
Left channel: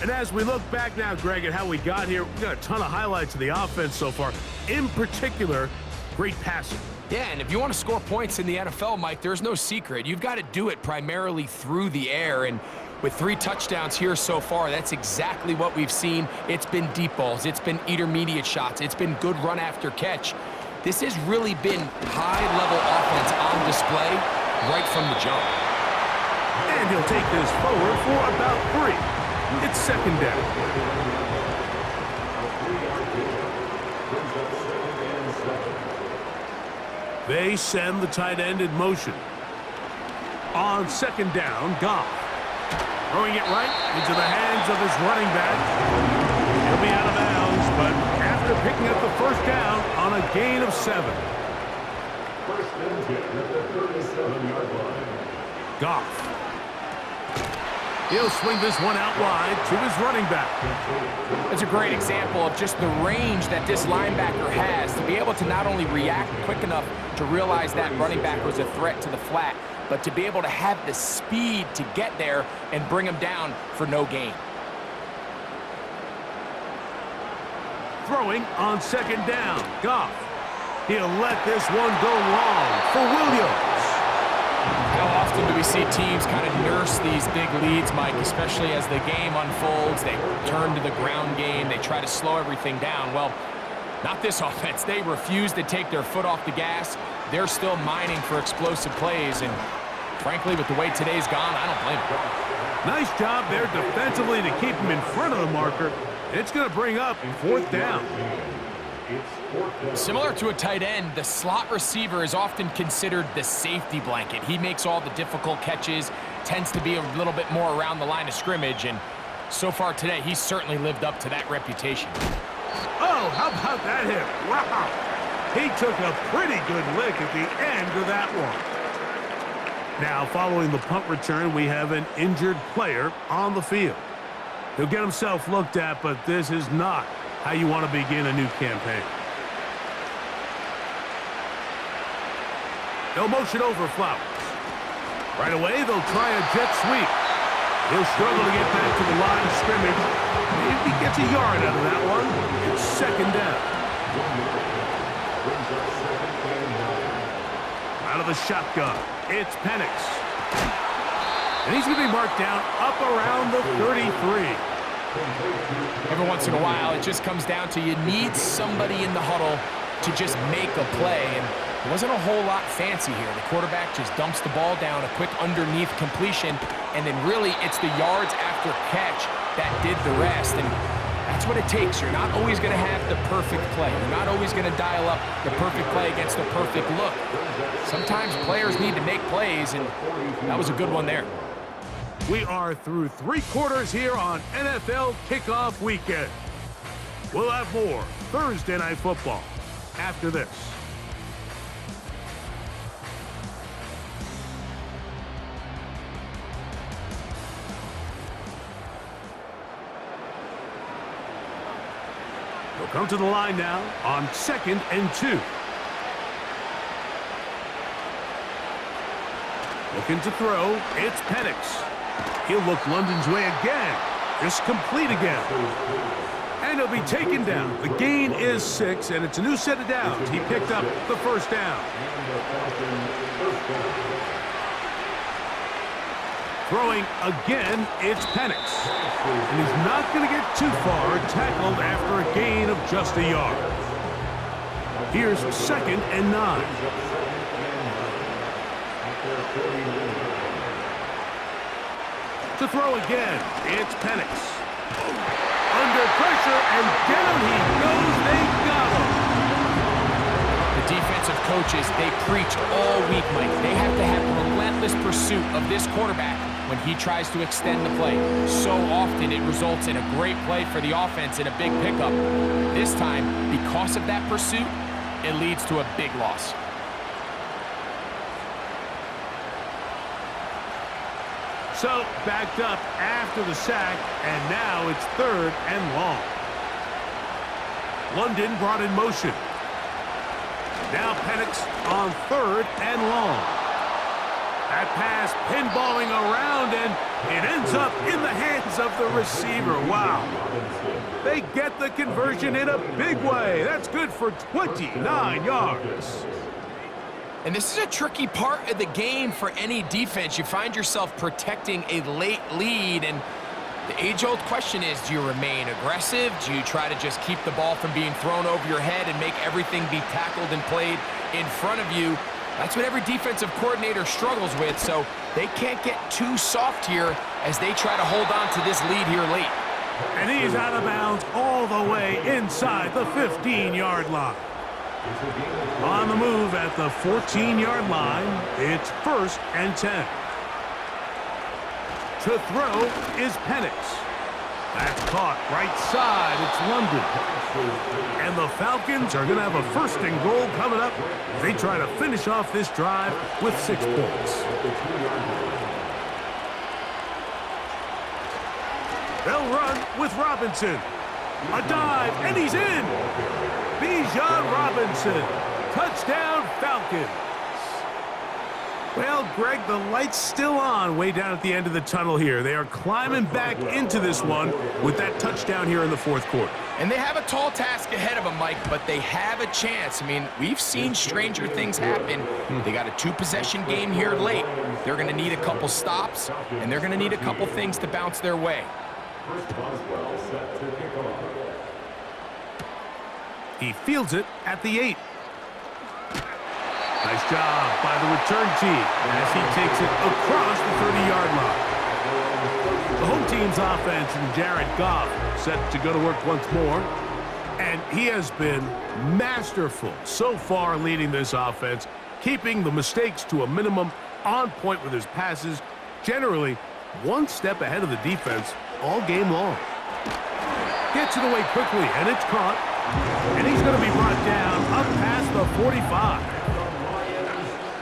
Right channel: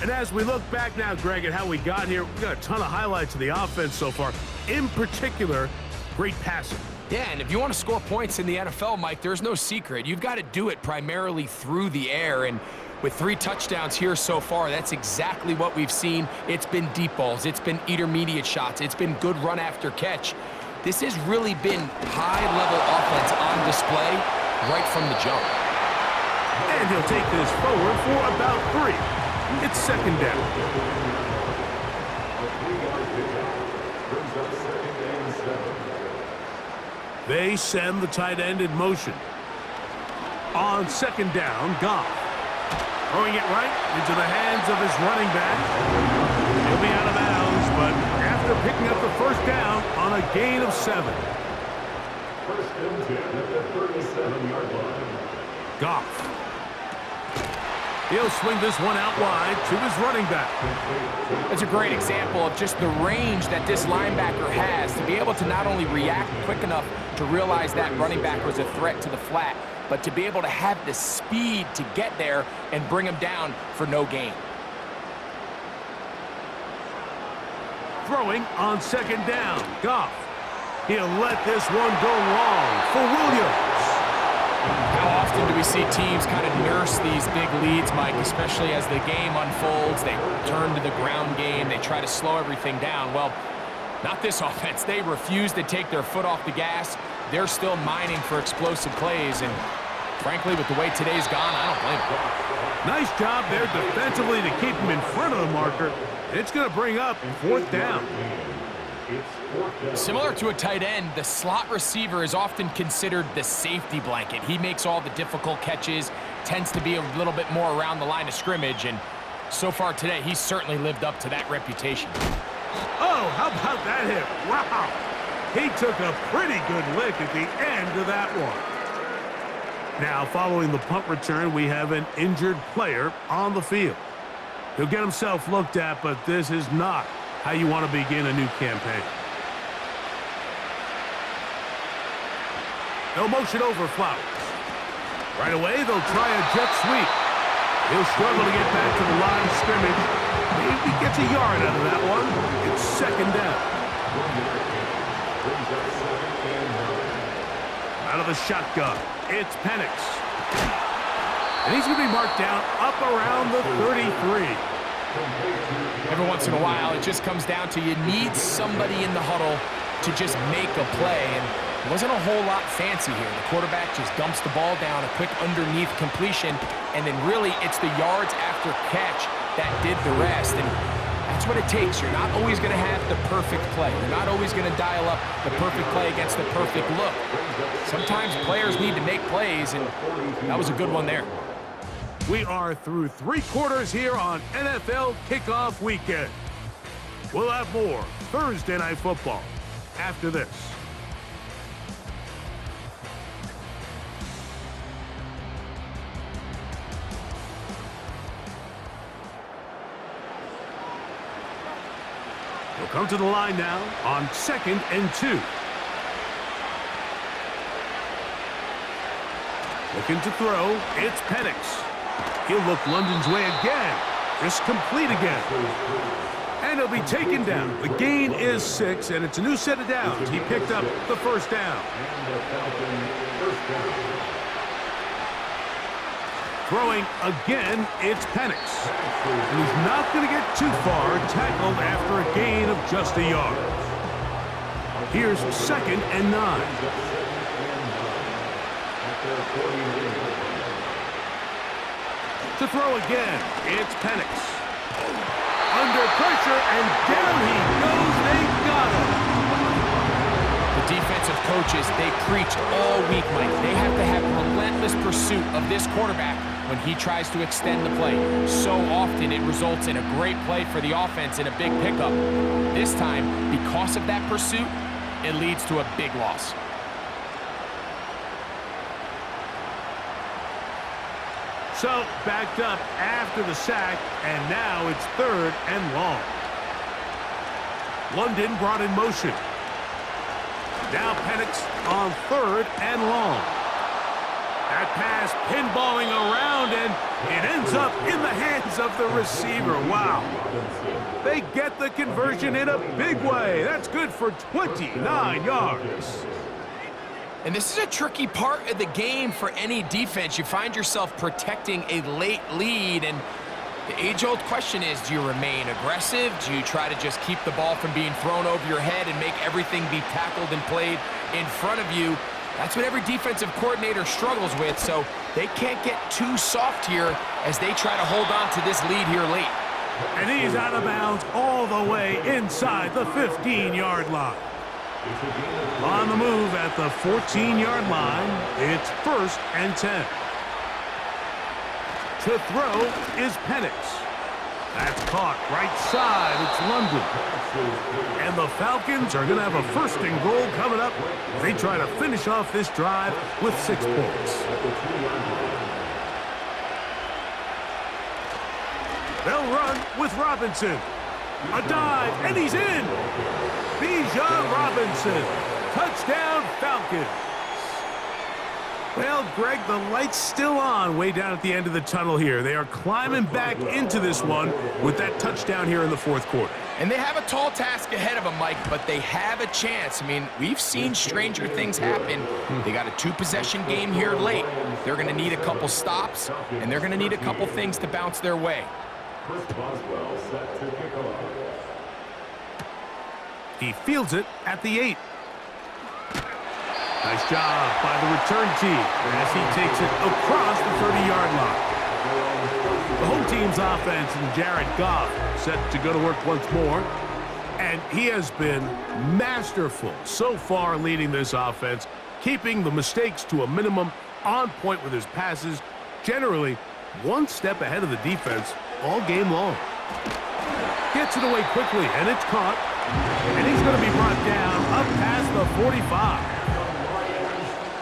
And as we look back now, Greg, at how we got here, we got a ton of highlights of the offense so far. In particular, great passing. Yeah, and if you want to score points in the NFL, Mike, there's no secret. You've got to do it primarily through the air, and with 3 touchdowns here so far, that's exactly what we've seen. It's been deep balls. It's been intermediate shots. It's been good run after catch. This has really been high-level offense on display right from the jump. And he'll take this forward for about 3. It's 2nd down. A 3-yard pickup brings up 2nd and 7. They send the tight end in motion. On 2nd down, Goff. Throwing it right into the hands of his running back. He'll be out of bounds, but after picking up the 1st down on a gain of 7. 1st and 10 at the 37-yard line. Goff. He'll swing this one out wide to his running back. It's a great example of just the range that this linebacker has to be able to not only react quick enough to realize that running back was a threat to the flat, but to be able to have the speed to get there and bring him down for no gain. Throwing on 2nd down, Goff. He'll let this one go long for Williams. How often do we see teams kind of nurse these big leads, Mike, especially as the game unfolds? They turn to the ground game. They try to slow everything down. Well, not this offense. They refuse to take their foot off the gas. They're still mining for explosive plays, and frankly, with the way today's gone, I don't blame them. Nice job there defensively to keep him in front of the marker. It's going to bring up 4th down. Similar to a tight end, the slot receiver is often considered the safety blanket. He makes all the difficult catches, tends to be a little bit more around the line of scrimmage, and so far today, he's certainly lived up to that reputation. Oh, how about that hit? Wow. He took a pretty good lick at the end of that one. Now, following the punt return, we have an injured player on the field. He'll get himself looked at, but this is not how you want to begin a new campaign. They'll motion over Flowers. Right away, they'll try a jet sweep. He'll struggle to get back to the line of scrimmage. Maybe he gets a yard out of that one. It's 2nd down. Out of the shotgun, it's Penix. And he's going to be marked down up around the 33. Every once in a while, it just comes down to you need somebody in the huddle to just make a play, and it wasn't a whole lot fancy here. The quarterback just dumps the ball down, a quick underneath completion, and then really it's the yards after catch that did the rest, and that's what it takes. You're not always going to have the perfect play. You're not always going to dial up the perfect play against the perfect look. Sometimes players need to make plays, and that was a good one there. We are through 3 quarters here on NFL Kickoff Weekend. We'll have more Thursday Night Football after this. He'll come to the line now on 2nd and 2. Looking to throw, it's Penix. He'll look London's way again. This complete again. And he'll be taken down. The gain is 6, and it's a new set of downs. He picked up the first down. Throwing again, it's Penix. And he's not going to get too far, tackled after a gain of just a yard. Here's 2nd and 9. To throw again, it's Penix. Under pressure, and down he goes. They got him. The defensive coaches, they preach all week, Mike. They have to have relentless pursuit of this quarterback when he tries to extend the play. So often it results in a great play for the offense and a big pickup. This time, because of that pursuit, it leads to a big loss. So, backed up after the sack, and now it's 3rd and long. London brought in motion. Now Penix on 3rd and long. That pass pinballing around, and it ends up in the hands of the receiver. Wow. They get the conversion in a big way. That's good for 29 yards. And this is a tricky part of the game for any defense. You find yourself protecting a late lead, and the age-old question is, do you remain aggressive? Do you try to just keep the ball from being thrown over your head and make everything be tackled and played in front of you? That's what every defensive coordinator struggles with, so they can't get too soft here as they try to hold on to this lead here late. And he's out of bounds all the way inside the 15-yard line. On the move at the 14-yard line, it's 1st and 10. To throw is Penix. That's caught right side. It's London. And the Falcons are going to have a 1st and goal coming up. They try to finish off this drive with 6 points. They'll run with Robinson. A dive, and he's in. Bijan Robinson. Touchdown, Falcons. Well, Greg, the light's still on way down at the end of the tunnel here. They are climbing back into this one with that touchdown here in the 4th quarter. And they have a tall task ahead of them, Mike, but they have a chance. I mean, we've seen stranger things happen. They got a 2-possession game here late. They're going to need a couple stops, and they're going to need a couple things to bounce their way. He fields it at the 8. Nice job by the return team as he takes it across the 30-yard line. The home team's offense and Jared Goff set to go to work once more. And he has been masterful so far leading this offense, keeping the mistakes to a minimum, on point with his passes, generally one step ahead of the defense all game long. Gets it away quickly, and it's caught. And he's going to be brought down up past the 45.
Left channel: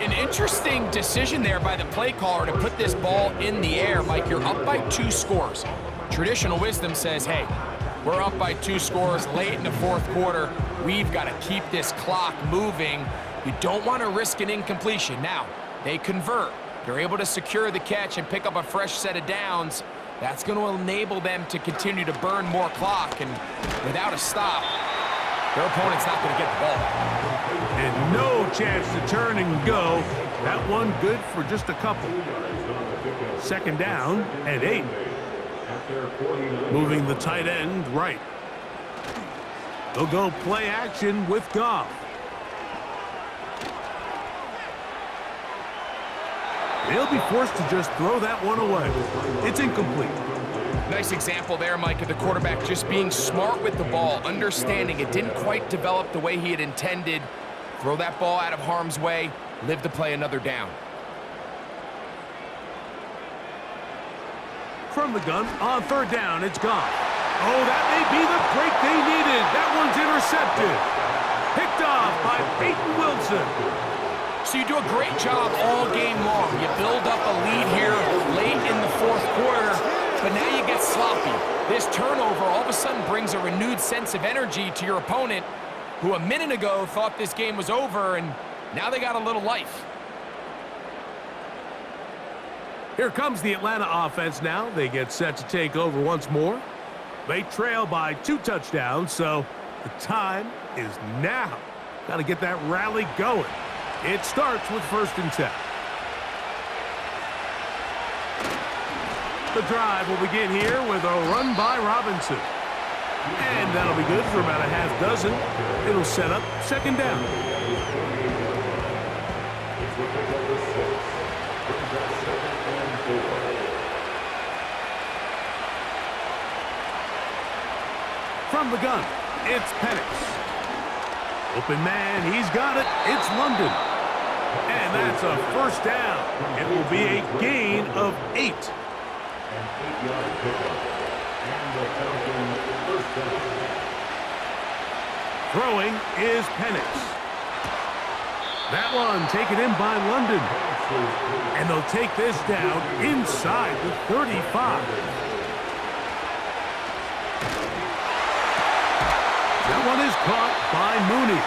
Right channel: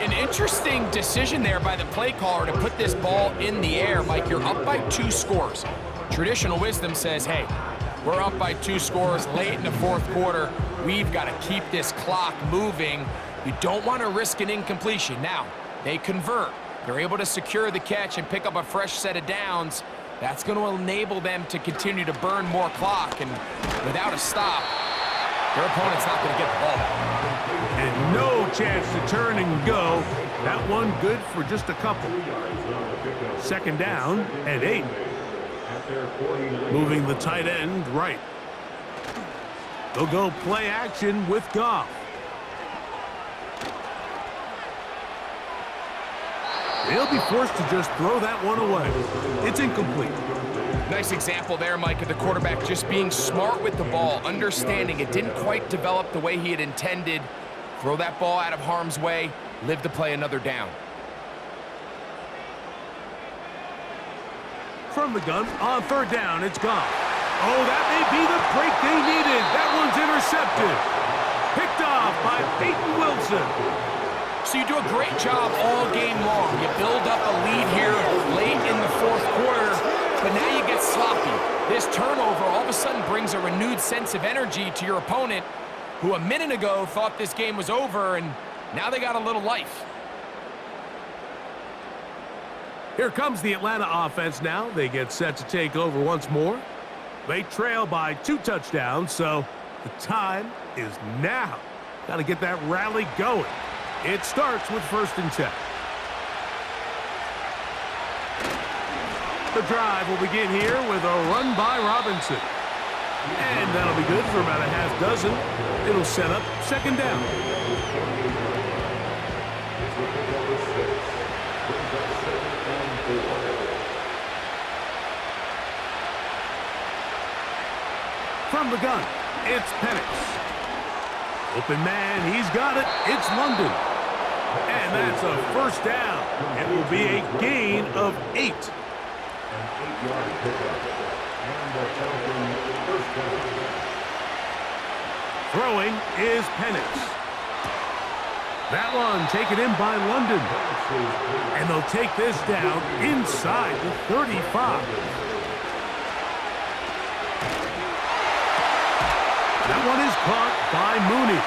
An interesting decision there by the play caller to put this ball in the air. Mike, you're up by 2 scores. Traditional wisdom says, hey, we're up by 2 scores late in the 4th quarter. We've got to keep this clock moving. You don't want to risk an incompletion. Now, they convert. They're able to secure the catch and pick up a fresh set of downs. That's going to enable them to continue to burn more clock, and without a stop, their opponent's not going to get the ball back. And no chance to turn and go. That one good for just a couple. 2nd down and 8. Moving the tight end right. They'll go play action with Goff. They'll be forced to just throw that one away. It's incomplete. Nice example there, Mike, of the quarterback just being smart with the ball, understanding it didn't quite develop the way he had intended. Throw that ball out of harm's way, live to play another down. From the gun, on 3rd down, it's Goff. Oh, that may be the break they needed. That one's intercepted. Picked off by Peyton Wilson. So you do a great job all game long. You build up a lead here late in the 4th quarter. but now you get sloppy. This turnover all of a sudden brings a renewed sense of energy to your opponent, who a minute ago thought this game was over, and now they got a little life. Here comes the Atlanta offense now. They get set to take over once more. They trail by 2 touchdowns, so the time is now. Got to get that rally going. It starts with 1st and 10. The drive will begin here with a run by Robinson. And that'll be good for about a half dozen. It'll set up 2nd down. From the gun, it's Penix. Open man, he's got it. It's London. And that's a 1st down. It will be a gain of 8. An 8-yard pickup. And the Falcons' 1st down. Throwing is Penix. That one taken in by London. And they'll take this down inside the 35. That one is caught by Mooney.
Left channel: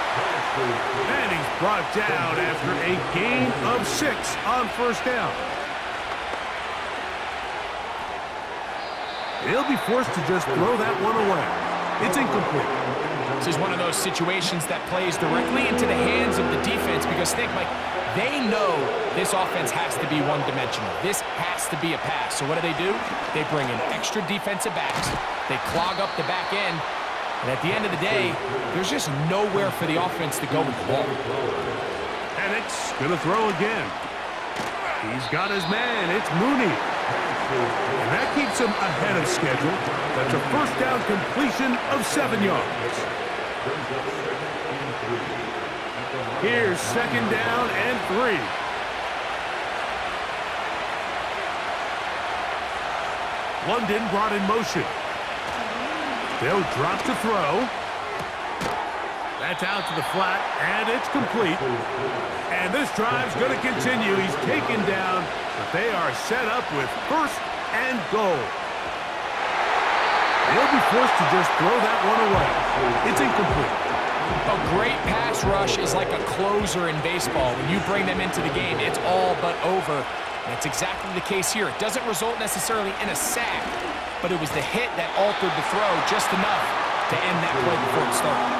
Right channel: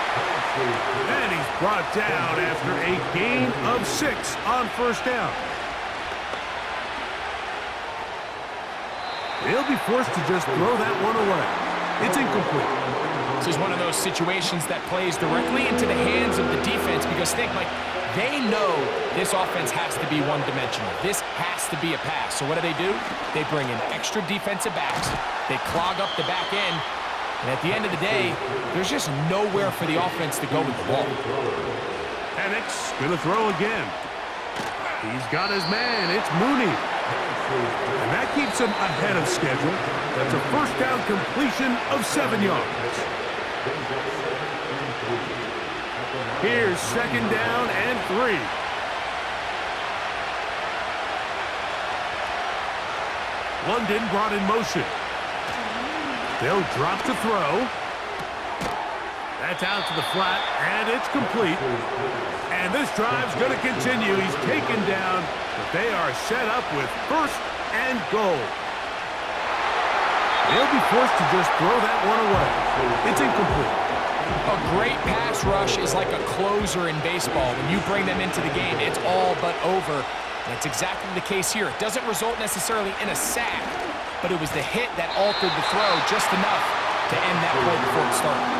And he's brought down after a gain of 6 on 1st down. He'll be forced to just throw that one away. It's incomplete. This is one of those situations that plays directly into the hands of the defense because, think, Mike, they know this offense has to be one-dimensional. This has to be a pass. So what do? They bring in extra defensive backs. They clog up the back end. And at the end of the day, there's just nowhere for the offense to go with the ball. Penix gonna throw again. He's got his man. It's Mooney. And that keeps him ahead of schedule. That's a 1st down completion of 7 yards. Here's 2nd down and 3. London brought in motion. They'll drop to throw. That's out to the flat, and it's complete. And this drive's going to continue. He's taken down, but they are set up with 1st and goal. They'll be forced to just throw that one away. It's incomplete. A great pass rush is like a closer in baseball. When you bring them into the game, it's all but over. And it's exactly the case here. It doesn't result necessarily in a sack, but it was the hit that altered the throw just enough to end that play before it started.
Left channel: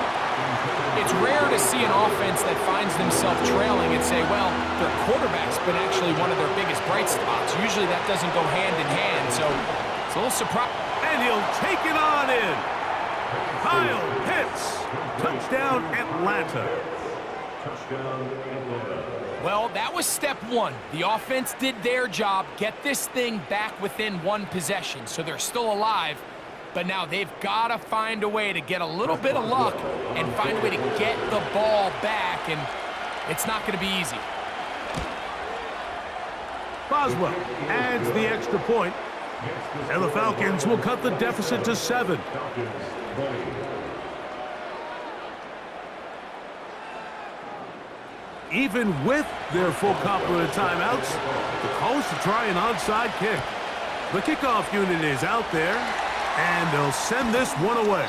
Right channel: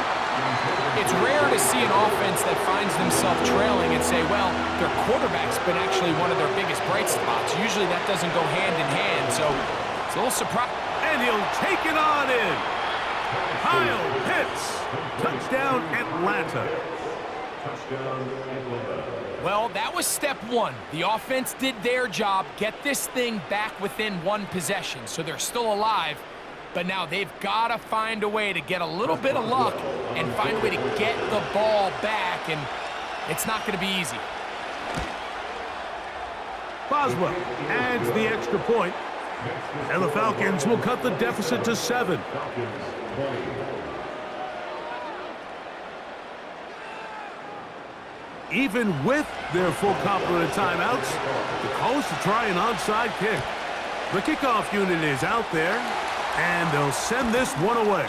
It's rare to see an offense that finds themselves trailing and say, well, their quarterback's been actually one of their biggest bright spots. Usually that doesn't go hand in hand, so it's a little surprising. And he'll take it on in. Kyle Pitts. Touchdown, Atlanta. Touchdown, Atlanta. Well, that was step 1. The offense did their job, get this thing back within 1 possession, so they're still alive. But now they've got to find a way to get a little bit of luck and find a way to get the ball back, and it's not going to be easy. Boswell adds the extra point, and the Falcons will cut the deficit to 7. Falcons 20. Even with their full complement of timeouts, the call is to try an onside kick. The kickoff unit is out there, and they'll send this one away.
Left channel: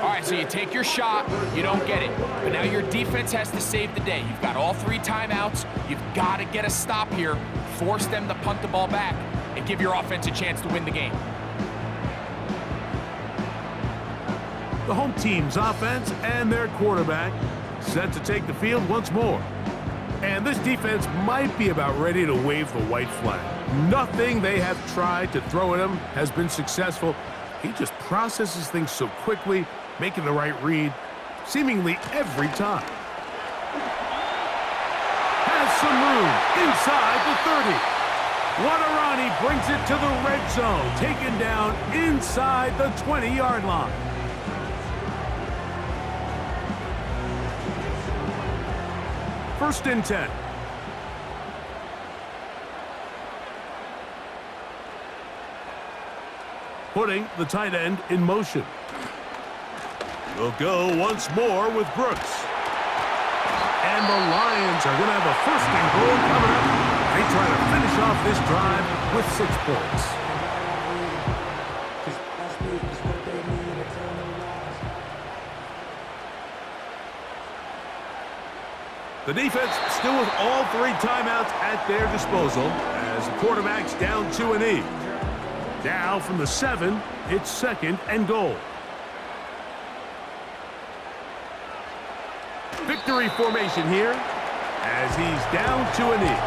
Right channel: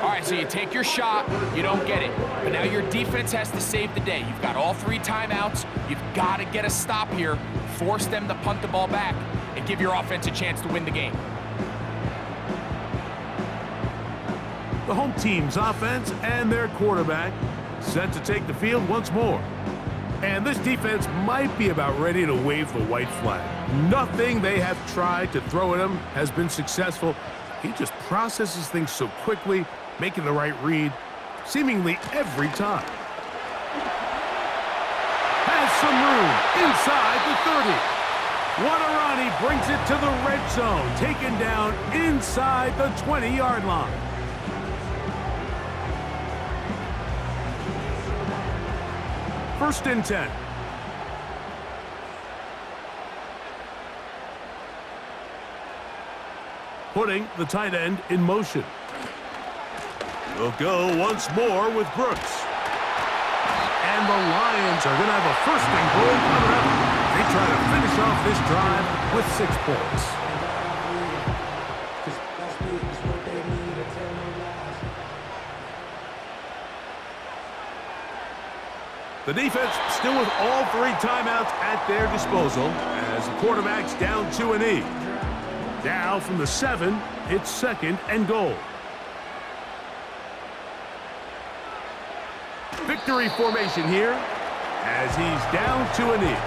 All right, so you take your shot, you don't get it. But now your defense has to save the day. You've got all 3 timeouts. You've got to get a stop here, force them to punt the ball back, and give your offense a chance to win the game. The home team's offense and their quarterback set to take the field once more. And this defense might be about ready to wave the white flag. Nothing they have tried to throw at him has been successful. He just processes things so quickly, making the right read, seemingly every time. Has some room inside the 30. Wadarani brings it to the red zone, taken down inside the 20-yard line. First and 10. Putting the tight end in motion. We'll go once more with Brooks. And the Lions are going to have a 1st and goal coming up. They try to finish off this drive with 6 points. The defense still with all 3 timeouts at their disposal as the quarterback's down to a knee. Now from the 7, it's 2nd and goal. Victory formation here as he's down to a knee.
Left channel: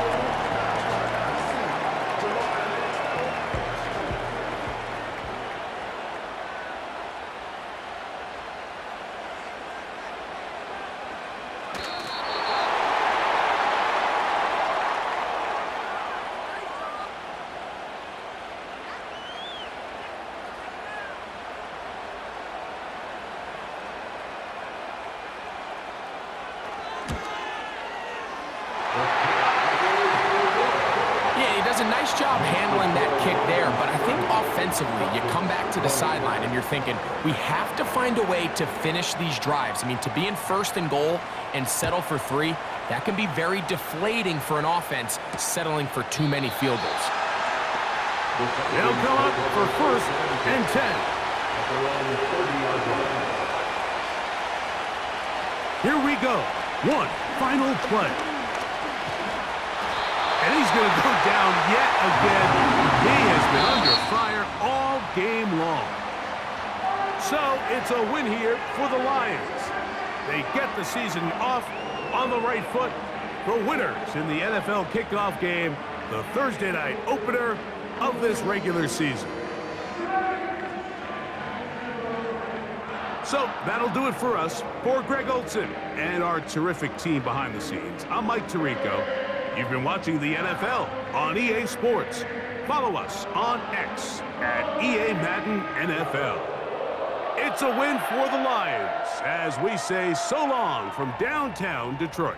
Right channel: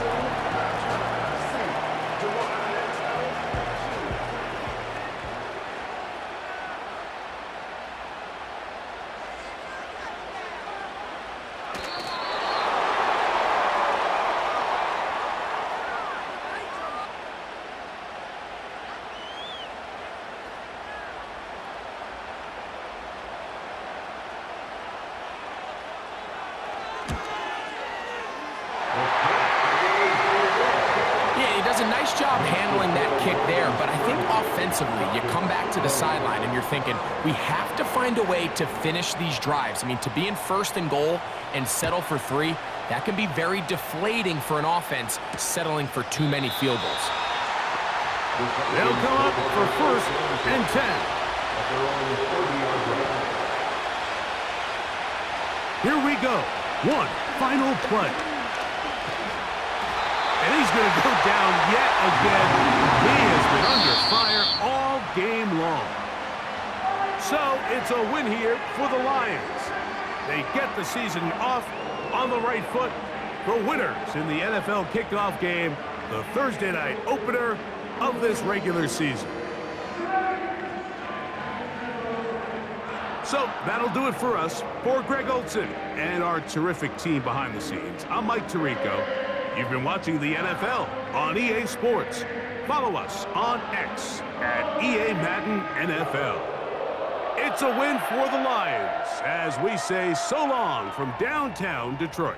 He does a nice job handling that kick there, but I think offensively, you come back to the sideline and you're thinking, we have to find a way to finish these drives. I mean, to be in 1st and goal and settle for 3, that can be very deflating for an offense settling for too many field goals. They'll come up for 1st and 10. Here we go. One final play. And he's going to go down yet again. He has been under fire all game long. So it's a win here for the Lions. They get the season off on the right foot. The winners in the NFL kickoff game, the Thursday night opener of this regular season. So that'll do it for us. For Greg Olson and our terrific team behind the scenes, I'm Mike Tirico. You've been watching the NFL on EA Sports. Follow us on X at EA Madden NFL. It's a win for the Lions as we say so long from downtown Detroit.